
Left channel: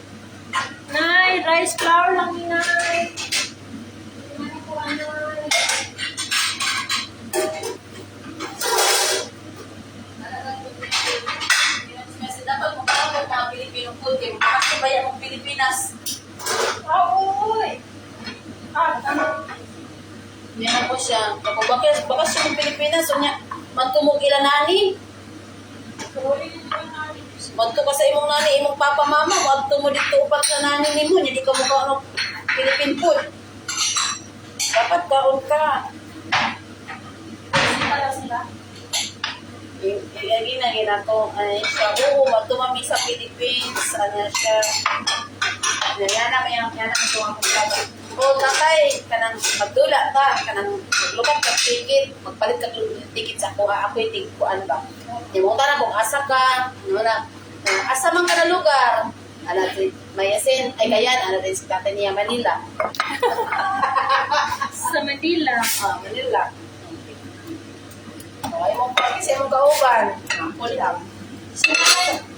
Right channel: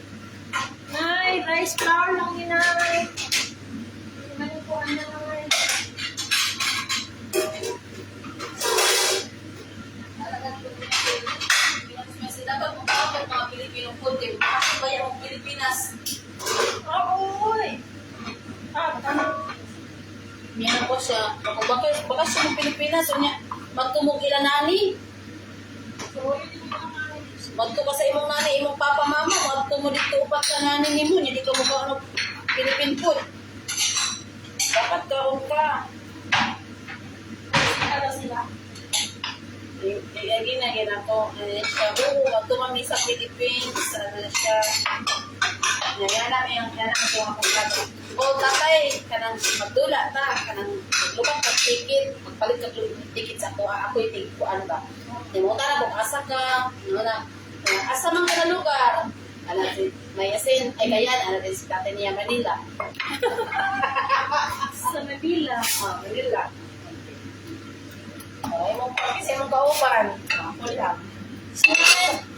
Nay, rice flour lang ni Nay. Mani po, Nay. Dapat mo kahol mga Pilipino food, kasi bayan mo Pilipinas. Uy! Tama. Yan ako siya. Kapag bakasyon ng Pilipinas, so niya, mantumog ilan nani. Manto ka sa imong nani, imong papa mama, manto mo dito upat sa nani nimo, hindi ka mukha ano, Philippine food. Dapat kaon ka. Para sila. Lagi na ginako, ano siya, oo, manto mami sa Philippines, ano siya. Yan na ito ang pagkakas. O, tatay, kanang magdula ta, kanang maglukat ka ticket, magpalit ka ticket sa kuha, ako yung ticket ko, ano ba? Di mo na kung asa ka, ano na, asa man ka na lugar, ano, Mayasin, ay gayan, ano rin si tatay niya, Manila. Sa Manila. Manila. Okay, mo pa, kasi mong kauban, kuliam.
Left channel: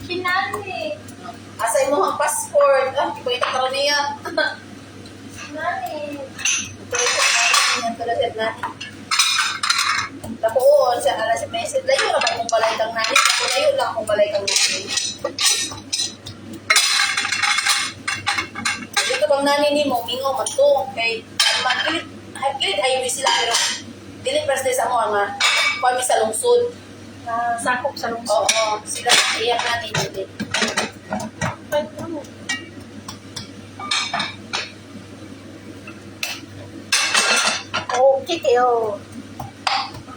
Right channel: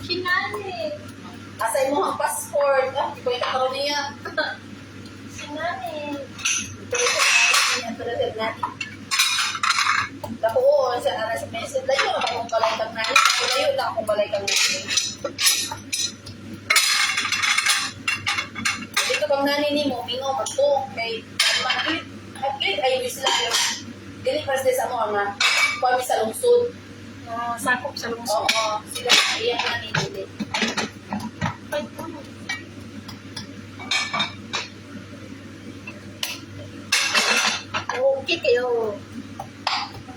Kinani. Asa mo ang passport, ito yung karoon niya. Kinani. Ito yung Yan talaga na. Tapuon sa alas may message. Layo na ba kung balay kang nani? Ako layo lang kung balay kang nani. Dito bang nani ni mo, mingaw man to. Kay, haglit ayaw sila pero dili first day sa mo nga kami sa lungsod. Sakop sa lungsod. Oo, sila iyak nani dili. Okay kayo.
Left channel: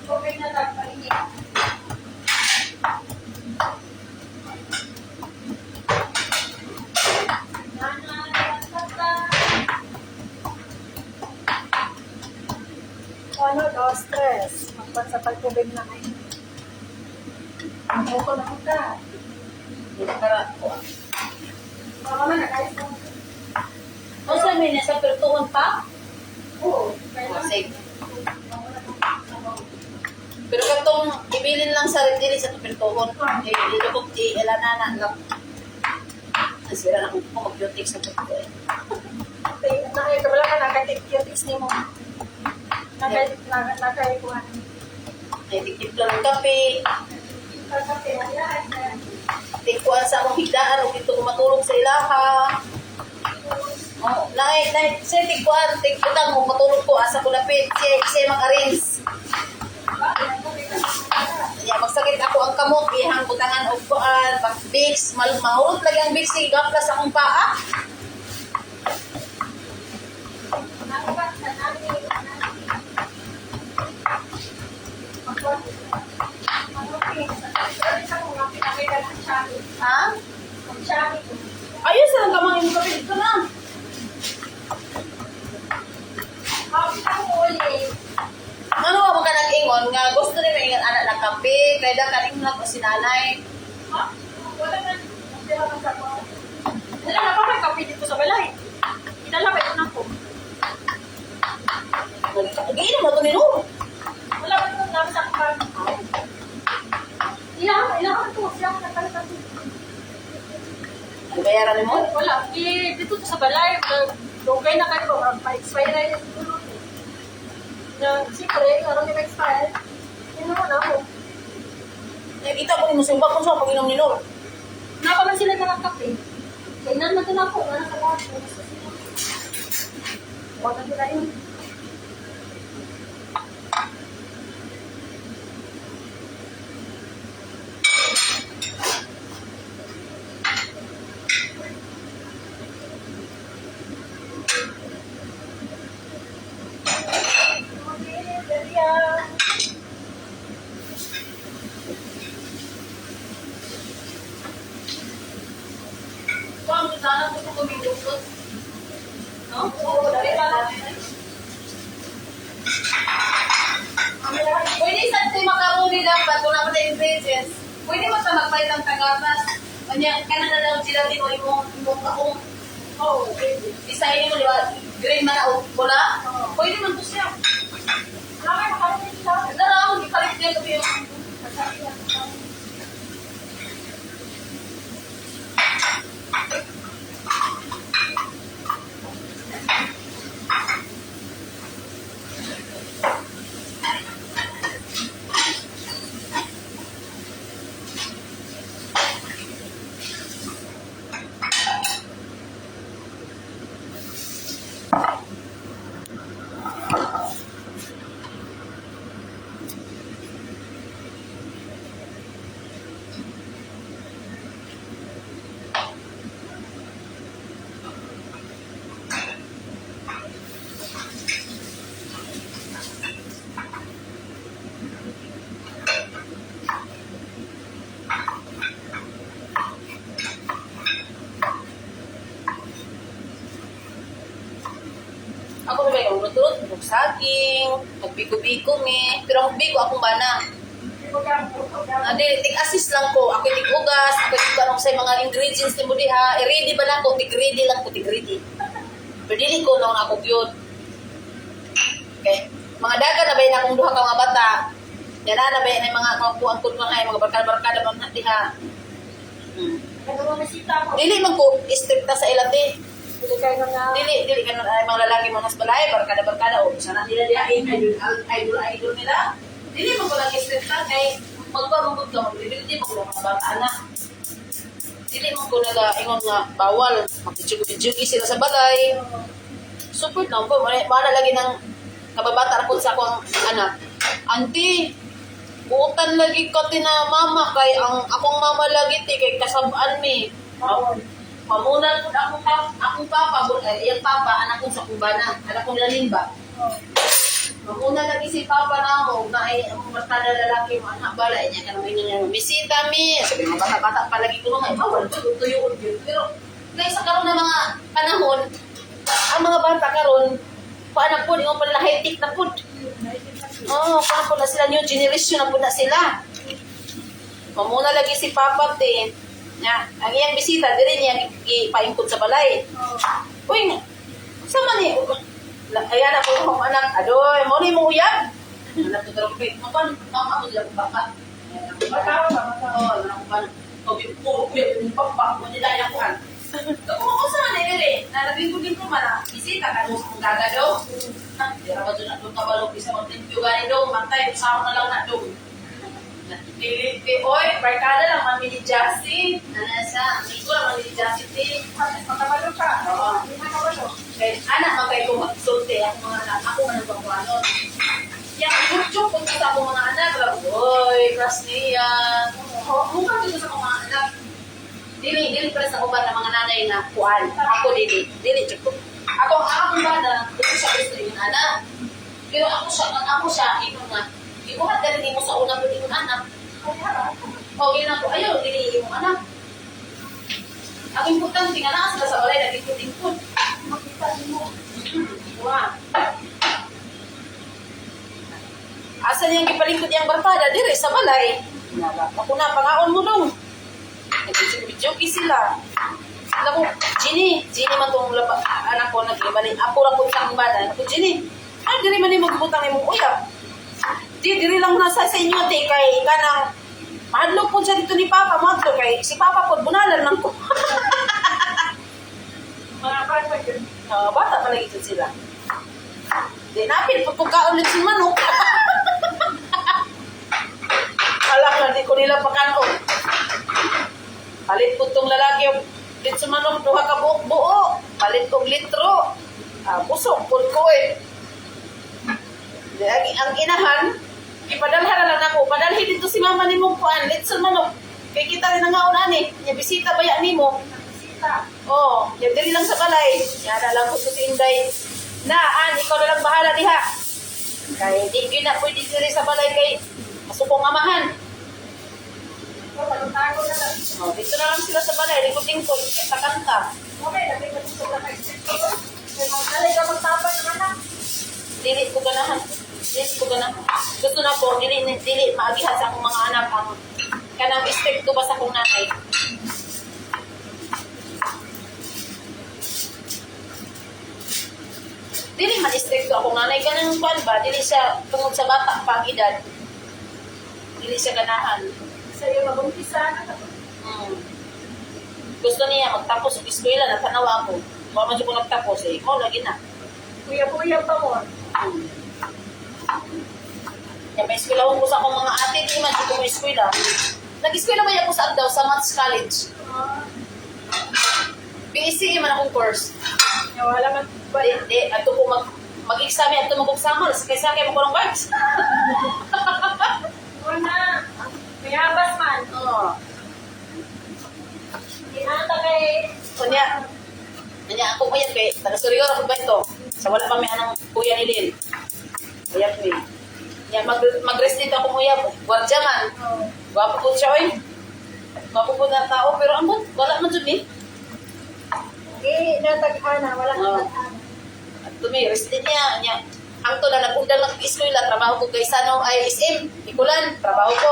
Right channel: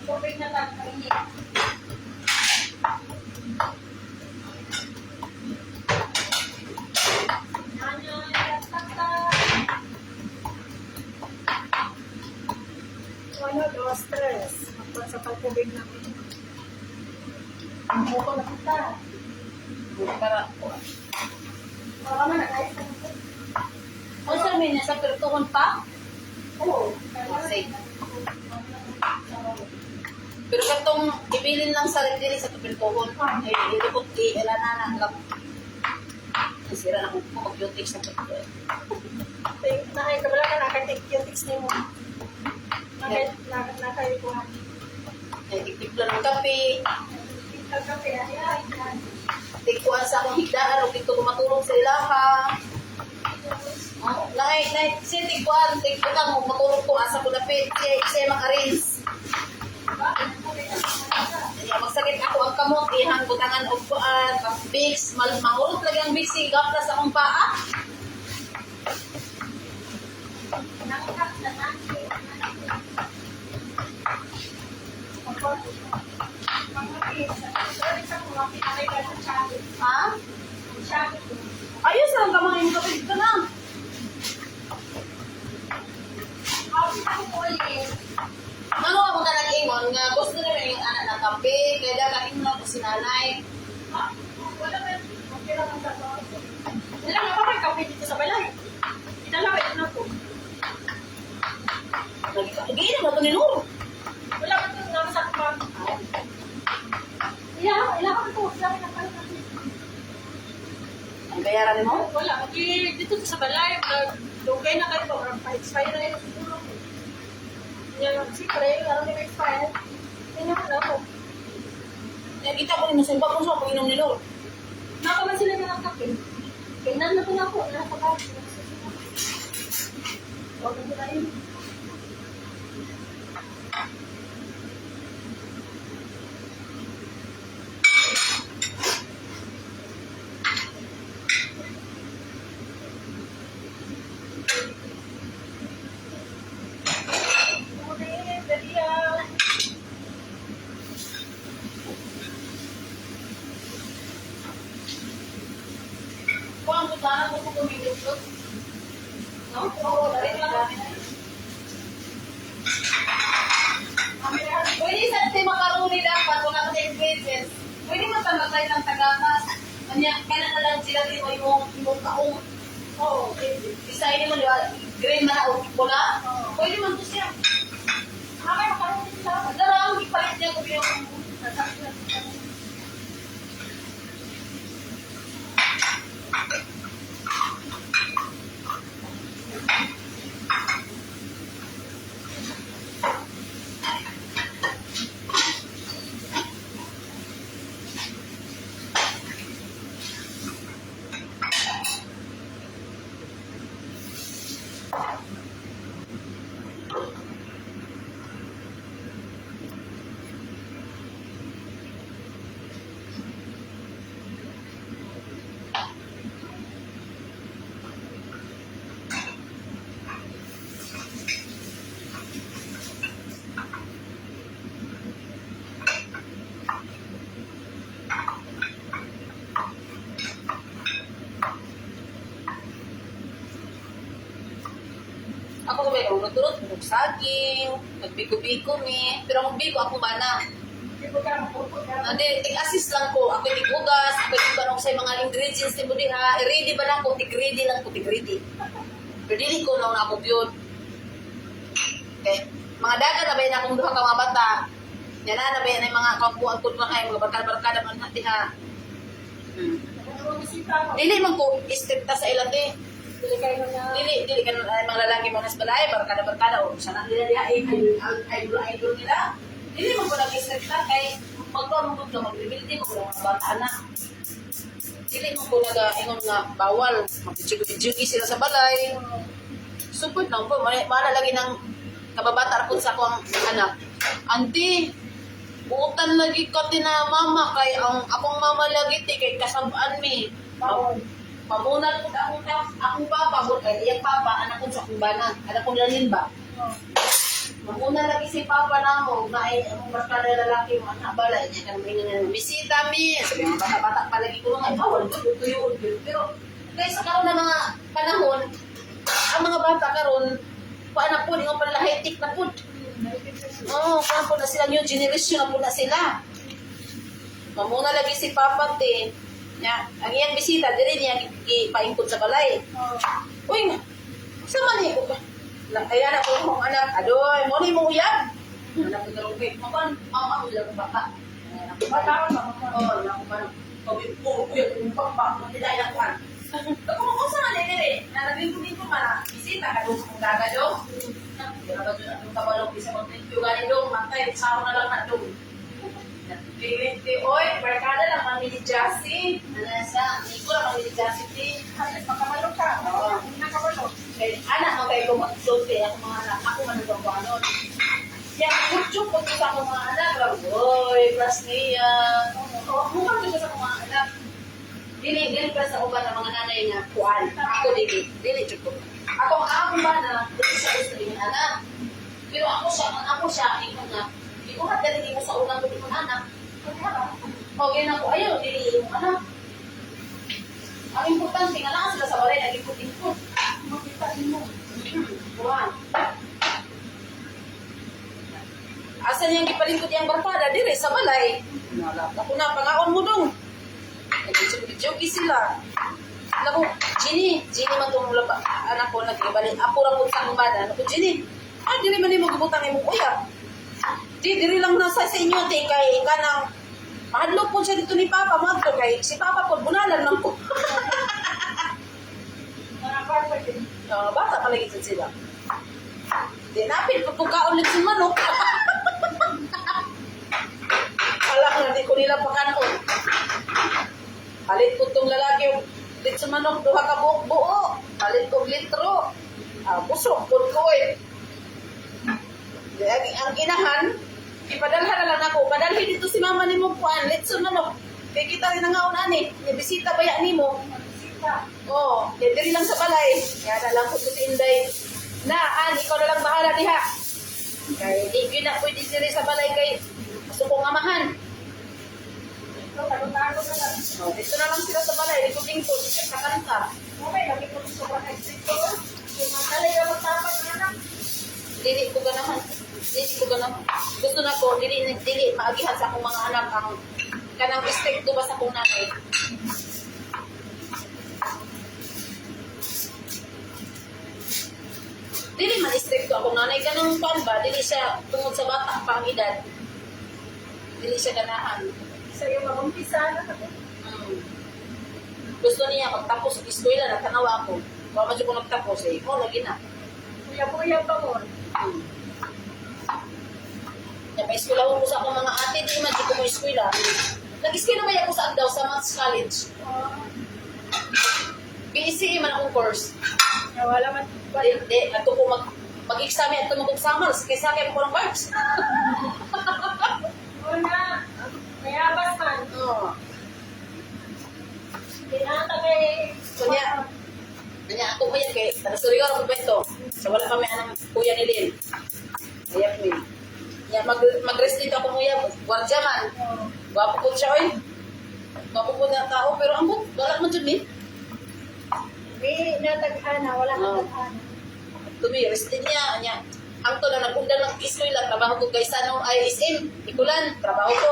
Tubig na tagpainit. Ano, dos, tres. Magpan sa pagtubig na kayo. Ang buko na kita. Para Baka man, nag-ayos lang. ano sa may nasa pertuhon pa? Oo. Kasi pero katong ibilin lang sa dili sa pertuhon. Eh dito ko elana lang. Nasira na ko mag-beauty sa pertuhon. Nakay-kabala ka, nakay-tips ni mo. Nakay-kuhan. Ay dikip lang ang kape. Tikuan sa akong higdaan o dito ko matulog sa ilaha. Oh, nay, siya tikuan, tikutang mo matulog ko asa ko lapit, siya mag-arrange. Ya, magsakit ako ang kamot, ihang butangan og kuan, pag Vicks, mahurot lagi ang Vicks kay gaplas akong paa. Ha? Ayos lang kamang yung kapit ko na. Ano ka mga nag-ingon nga gusto na may ingat anak ng kape, kaya daw kaning na ko sinanay. Wala na pa may kape dito sa balay. Ilalabay ko na po. Hindi na mo ito ni Nur. Wala pa ito naman sa kapag. Ilangan ito. Siya ang nakalitan dito. Ang bayaran ni mo? Wala. Dito sa balay. Dugay na kayo ba? Pa-expire na yun. Siyempre, araw na ma-expire. Hindi naman ako. Nakita ko ni mo sumpa kung sa pag-inom ni Nur. Napaman sila na ng kape. Kainan na ito na ako. Nakakalahat. Huwag na sila yun. Kung ang sana ko sa kumindukot. No? Oo, dali pa natin. Pwede sa macaroni dapat kung naman na ingredients. Pwede mo sa magpahit ang tagatas. Kanya, kana na lang sila din mo yung kaong. Oo, pwede. Design mo, di ba? Green man na o pula. Oo. Pwede man to siya. Nakay makarating sila. Darang, ipalit niya ko yung ako na may urot-urot, saging, magbiko-biko ni. Pero ang biko akong bana. Ande, tig-assist lang ko. Ako tig-ugas, ako tig-anong sa mga ingredients ni mo diha. I-ready ba na ko? Tig-ready lang ko, tig-ready. Pero dili ko lang ako yun. Okay. Mga daga na ba yun akong duha ka mga bata. Yan na ba yun ang mga kuang-kuang mga barkada-barkada man na diha. Dili man ko istrikta sa ilate. Dili kayo nga. Dili ka na mga lalaki mo nas balay, barkada-barkada, o sana nila diya, idol nila. Dili mo ko lagi step lang, kay magpamugod ka, magbibility mo ko lang mga bata na. Dili mo ko nag-ingon nga bawal, mag-tsugi sila sa balay. Support lang po, mana lagi ng kababata po sa akong anak. Auntie, buutan lagi ko na mama, kay ang akong mama lagi ti, kay kasabaan mi. Pamunan ko akong papa, iyang papa, anak ko sa kubana, anak ko lalin ba? Mamuna lagi si papa na mo, na ay ang barkada lalaki mo, anak bala, niya ka naman yung bisita mi. Sabi mga bata-bata palagi ko nung ay bawal, tuyuon yun. Pero, guys, sa karoon na mga panahon, ang mga bata karon paano po, yung palahitik na po. Oo, paano po na sila, new generation na po na sila. Mamuna lagi si papa, te. Nga, ang iyang bisita, dili niya ipaingkod sa balay. Uy, sama niya. Ayan ako yung anak, adoy, mo ni mo uyab. Anak ko talaga, mama mo dila kong baka. Makawa ba? Oo, anak ko uyab yung baka, mo nila yung kuhan. Kung ako sa manay dili, nalabing ko din ko man, bisita ka doon kung gagado. Di ba ba doon na doon kabalog, isa mong tinpyo gani doon, matay, sama na lang na doon. Oy, barkada lang man ni Jassy. Ano sa? Iko lang man ni Jassy ti. Makabalo ka. Oo. Hindi makabalo. Kaya anak man kayo kung magsulti ako mga anak. Ako man ang pangkuhanon. Yan, YouTube pag sa akong mga anak. Oy, class niya. Mukha ko sa akong mga anak. Dili pa sa uban ng mga nanay na kuan. Ako dili YouTube. Ako ba na dito sa gusto yung anak. Pero ako siya, ito nga. Ikuhat galing mo sa unang pwede kong anak. O, yun ako, ayaw, dili yung anak. Ang importante nga na sila sa balay, nag-ikot-ikot. Makita din mo. Wow. Asa niyang gipalingkod yung barkada, dire sa balay. Ako na, pangaon mo dong. Nag-jogi sila. Alam mo, Ginny man itong anak ko, nag-ibalik. Apo lang po sa bada. Anak ko, Ginny, dire man yung magbutang yung uyab. Diri lang nasa sa inyo, te, kay kanang mahadlok po siya dito ni Papa, mahadlok kay si Papa po, bunalan man ko. Mga bata yun. Bata pa lagi sila. Di napil, pagkaon ulit si manok. Alam na, di ko nila pakanaon. Palit po itong lalaki, dit sa manok, duha ka buo. Palit po litro. Busog, pulko eh. Ang inahan, ipadalhan na lang ako. Padalhin dito si mama ni mo kuan. Let's manok. Kaya kita rin ang aon ani. Niya bisita ba yan ni mo? Bisita. Oo. Yan diri lang sa balay. Yan na lang ko si Inday. Naan, ikaw na lang bahala diha. Kaya di yun na pwede diri sa balay kay masupong amahan. So, tago na lang. Dito na lang sila sa balay. Likod-lingkod. Sa kanta. Okay, lagi ko dito sa exit ko. Kaya magkalay ka magtapay ng anak. Dili ko ganahan. Gusto na po, dili maagihan sa akong mga anak ang kanang strict ko ba sa akong nanay. Dili man strict ko akong nanay. Kanang pan ba? Dili siya tungod sa bata pa ang edad. Dili siya ganahan. Sa'yo mabumpisa na ito. Gusto niya magtapos sa eskwela na tanawa ako. Kung medyo ko nagtapos eh. Lagi na. Kuya pa mo. Yan, may eskwelahon ko sa akong mga ate, di man ko mo eskwela. Nag-eskwela ba ako sa Agdaw, sa Mats College? PECE man akong course. Wala man. Di, ato ko mag-exam, ato mag-examal, kaysa kayo mo ko ng vibes. Una, may habas man. Oo. Di ata kay... Kanya ako mo yan kay, taga-surigor ako ba ito? Sa wala kami anang kuya ni Lil. Kuya ni. Yan, mag-rest dito ako kuya, gwardiya man. Gwapo po siya, oy. Gwapo po na tao, pero ambot, wala man dyan eh. Hindi natagana, wala kang Oo. tagana. At tumi, rest din niya. Ang to na nag-undang mag-eskwela, trabaho ko kay Sanong ISM, Ikulan, trabaho ko.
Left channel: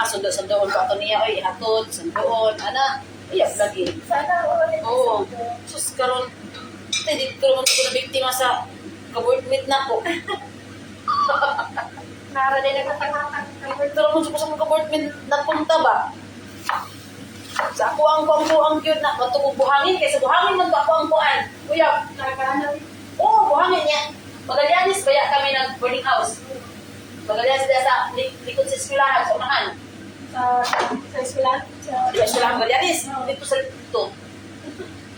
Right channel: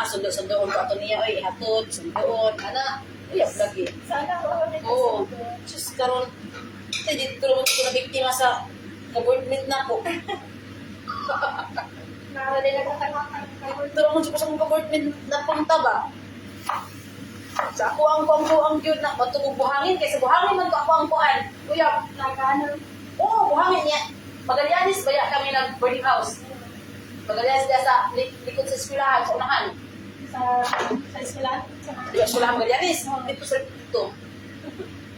Sundo-sundoon ko ato niya, oy, hatod, sundoon, ana. Uyab lagi. Sana ulit. Oo. Sus, karon hindi dito naman ko na biktima sa kabornit na po. Nara din nagkatangatan. Pero kung sa mga kabornit na punta ba? Sa ako ang buang yun na matungog buhangin kaysa buhangin man ako ang buwan. Kuya, Nagkano? oo, buhangin niya. Magallanes baya kami ng boarding house. Magallanes dahil sa likod sa eskwelahan, sa unahan. Sa eskwelahan? Di ba eskwelahan Magallanes? Dito sa dito.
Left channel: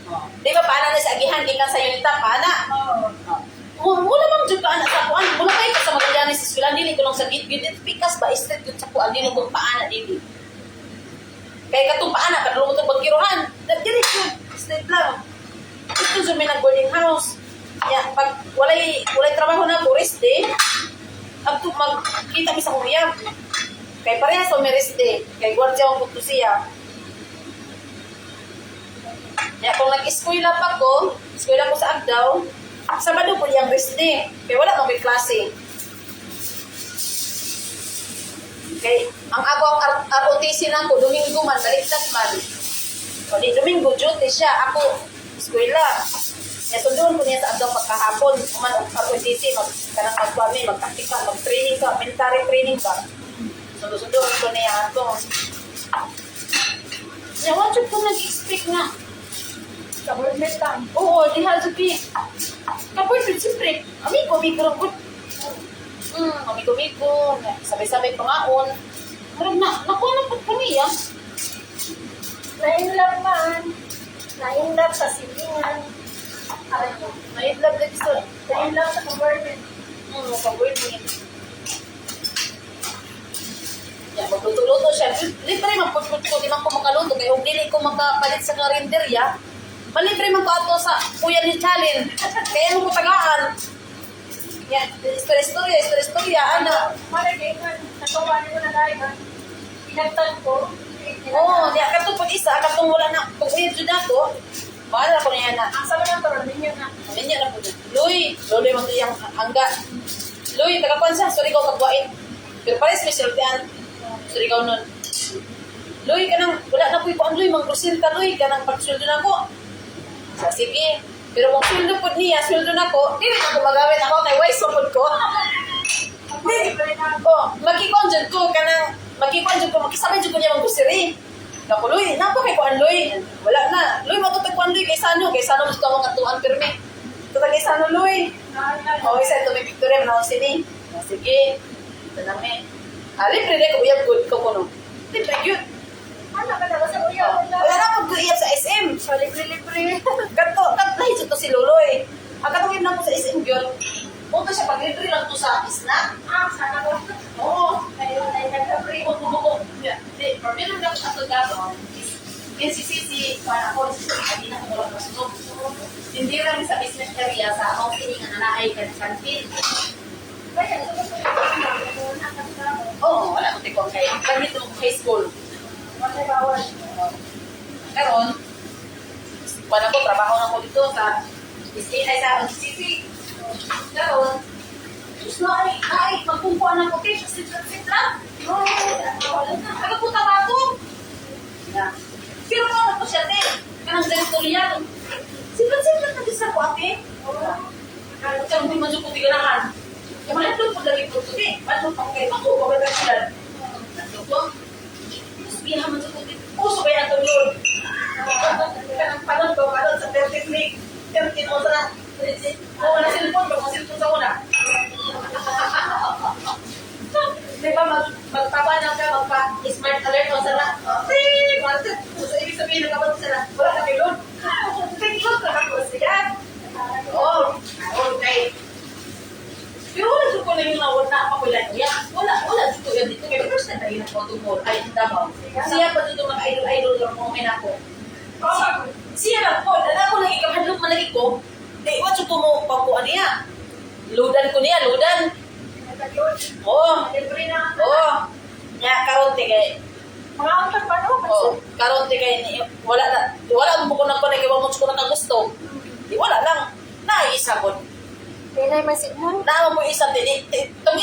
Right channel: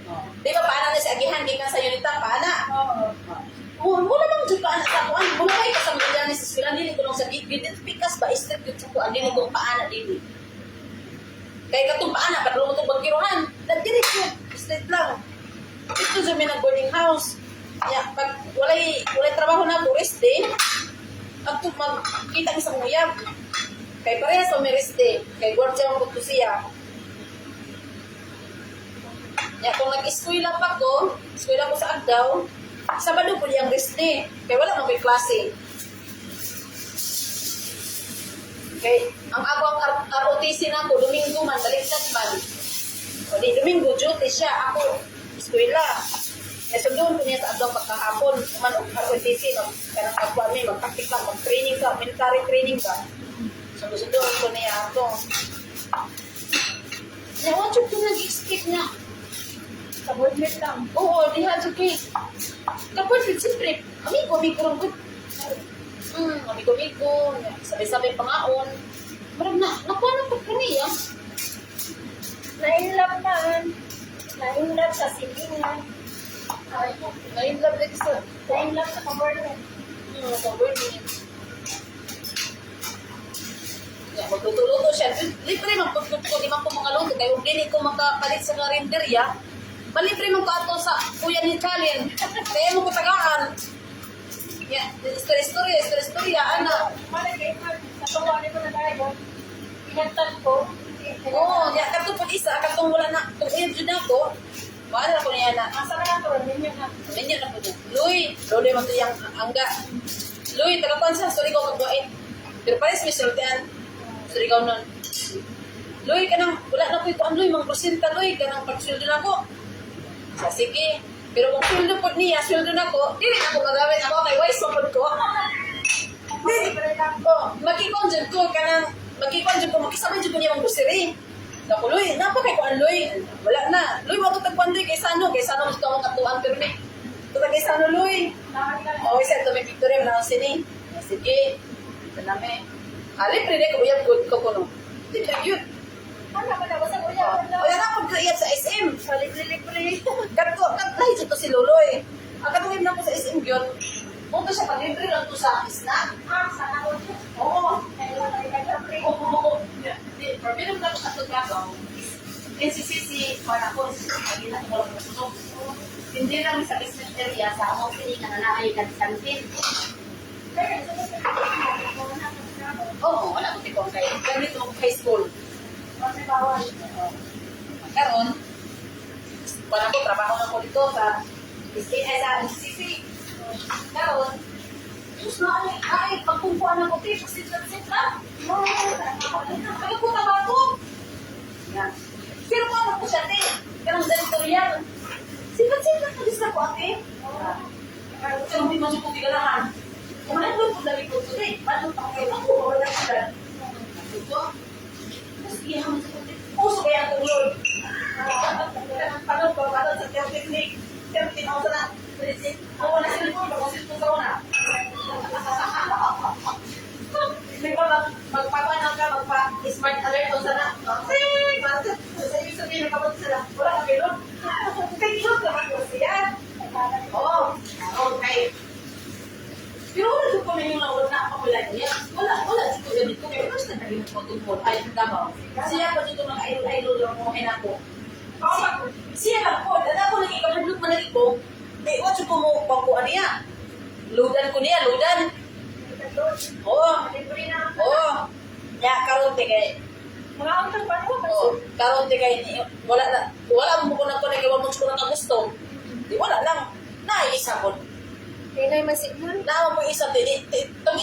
Oh. Di ba paana na sa agihan, di ka sa unita, paana? Oo. Mula bang dyan paana sa kuan? Mula kayo ka sa Magallanes sa eskwelahan, dili ko lang sa git. Dili pikas ba, straight yun sa kuan, dili kong paana, dili. Kaya katong paana, kadulong mo itong bagkiruhan. Dili ko, straight lang. Ito dyan may nag-boarding house. Ya, pag walay trabaho na ko, rest day, at magkita mi sa kuyab. Kay parehas sa may rest day. Kay gwardiya ang buto siya. Ya, kung nag-eskwela pa ko, eskwela ko sa Agdaw, Sabado po yung rest day. Kaya wala mo may klase. Kay, ang ako ang ROTC na ko, Domingo man, baliktad man. O di, Domingo, duty siya. Ako, eskwela. Sundoon ko niya sa Agdaw pagkahapon. Kuman ang ROTC, kanang magpami, mag-tactical, mag-training ka, military training ka. Sundoon ko niya ito. Yawan ko nag-expect na. Sa boardmate lang. Oo, diha Juki. Tapos siyempre, amigo lang ko. Amigo. Sabay-sabay pangaon. Marag na, nakuha na po niya. Nainlove man. Nainlove sa silingan. Nainlove din sa Nainlove sa boardmate. pag-word niya. Yeah, magluto-luto siya. Libre man putput ko, di man ko makaluto. Kaya kung dili ko makapalit sa karinderya, malibre man ko ato sa kuya ni Chalin. Kaya mo ko tagaan. Yeah, istorya. Ano? Malagay man. Natuwa ni mo na tayo. Pinagtag ko. Oo, yeah, katong pag-isa, katong wala na, kung edyo na to, maala ko niya na. Ang sama ng turon ninyo na. Ganyan na po niya. Luy mo ito yung angga. Luy, tagapan siya, sorry ko magbuhain. Pero pares may siltian. Sorry ko nun. Luy, ka nang, wala na po ito ang Luy, mag-prosil ka Luy, ka nang pag-sweldo na ko. Sa sige. Pero kung sweldo po niya, sweldo na ko, hindi na ko magawin ako kay Wise mapod ko. Magkikon dyan ko, ka nang, magkikon dyan ko, magkisabay dyan ko niya mag-pusiri. Naku, Luy, napa kay kuan Luy. Wala na. Luy, matutag kuan Luy, kay Sano mas ito ang katuan pirmi. Tutag kay Sano, Luy. O, isa ito may Victoria, manawan sini. Sige, tanami. Libre rin, uyab good ko kuno. Libre yun. Ano ka na ba sa kuya? Wala na mag-uyab sa SM. So, libre-libre. Katlahi ito si Luloy. Ang katungin na po sa SM yun. Punto siya, pag-libre lang to sa snack. Sana ko. Oo. Ayun, ay nag-libre. Hindi, problem lang sa ito gato. NCCC, para ako, hindi na kung walang masunog. Hindi lang sa business area sa among piningan na naay kantin. Kaya, ito ba sa Oo, wala ko tikong kayo. Ganito ko high school. May bawal. Karon, wala ko, trabaho na ko dito sa SKI sa NCCC. Karon, Diyos na ay, pagpumpuan ako, okay, sit lang. Pagputa ba ako? Pero ano po siya, te? Kanang janitorial. Sipat-sipat na din sa ko, ate. Kanang di man ko tigalahan. Yung mga ito po lagi po, te. Paano pa kayo? Ako, pagkakas sila. Ito, mas biyahan man sa kundi. Puso ba yan itong yun? Kanang panon sa 30 click. 13 o sa wala cellphone ba? Kung cellphone sa una. Di ba magpapanag ka, magpa-smart alert o sana? Ting! Market! So, ibig sabihin nagkabot sila. Wala na kayo doon. Take look na ako siya. Oo. Okay. Pero wala dito ko na yung nawala na ako lang niya. Wala dito yun dito. Kaya first time tayo nagpotungkol. Ay, Davao. Siya pa dito mga idol-idol yung moment ako. Siya lang po. Dala ko lagi kamahadlok man lagi ko. Eh, what yung mo pagkuhan niya? Ludan ko niya, ludan. Oo. Libre na. Oo. Ya, karon te kay. Mga antag pa no? Oo. Karon te kay wala mo ko nang kay mo ko nang gusto. Di wala lang. Naisa ko. Pinay man signal. Na mo isa te. Tong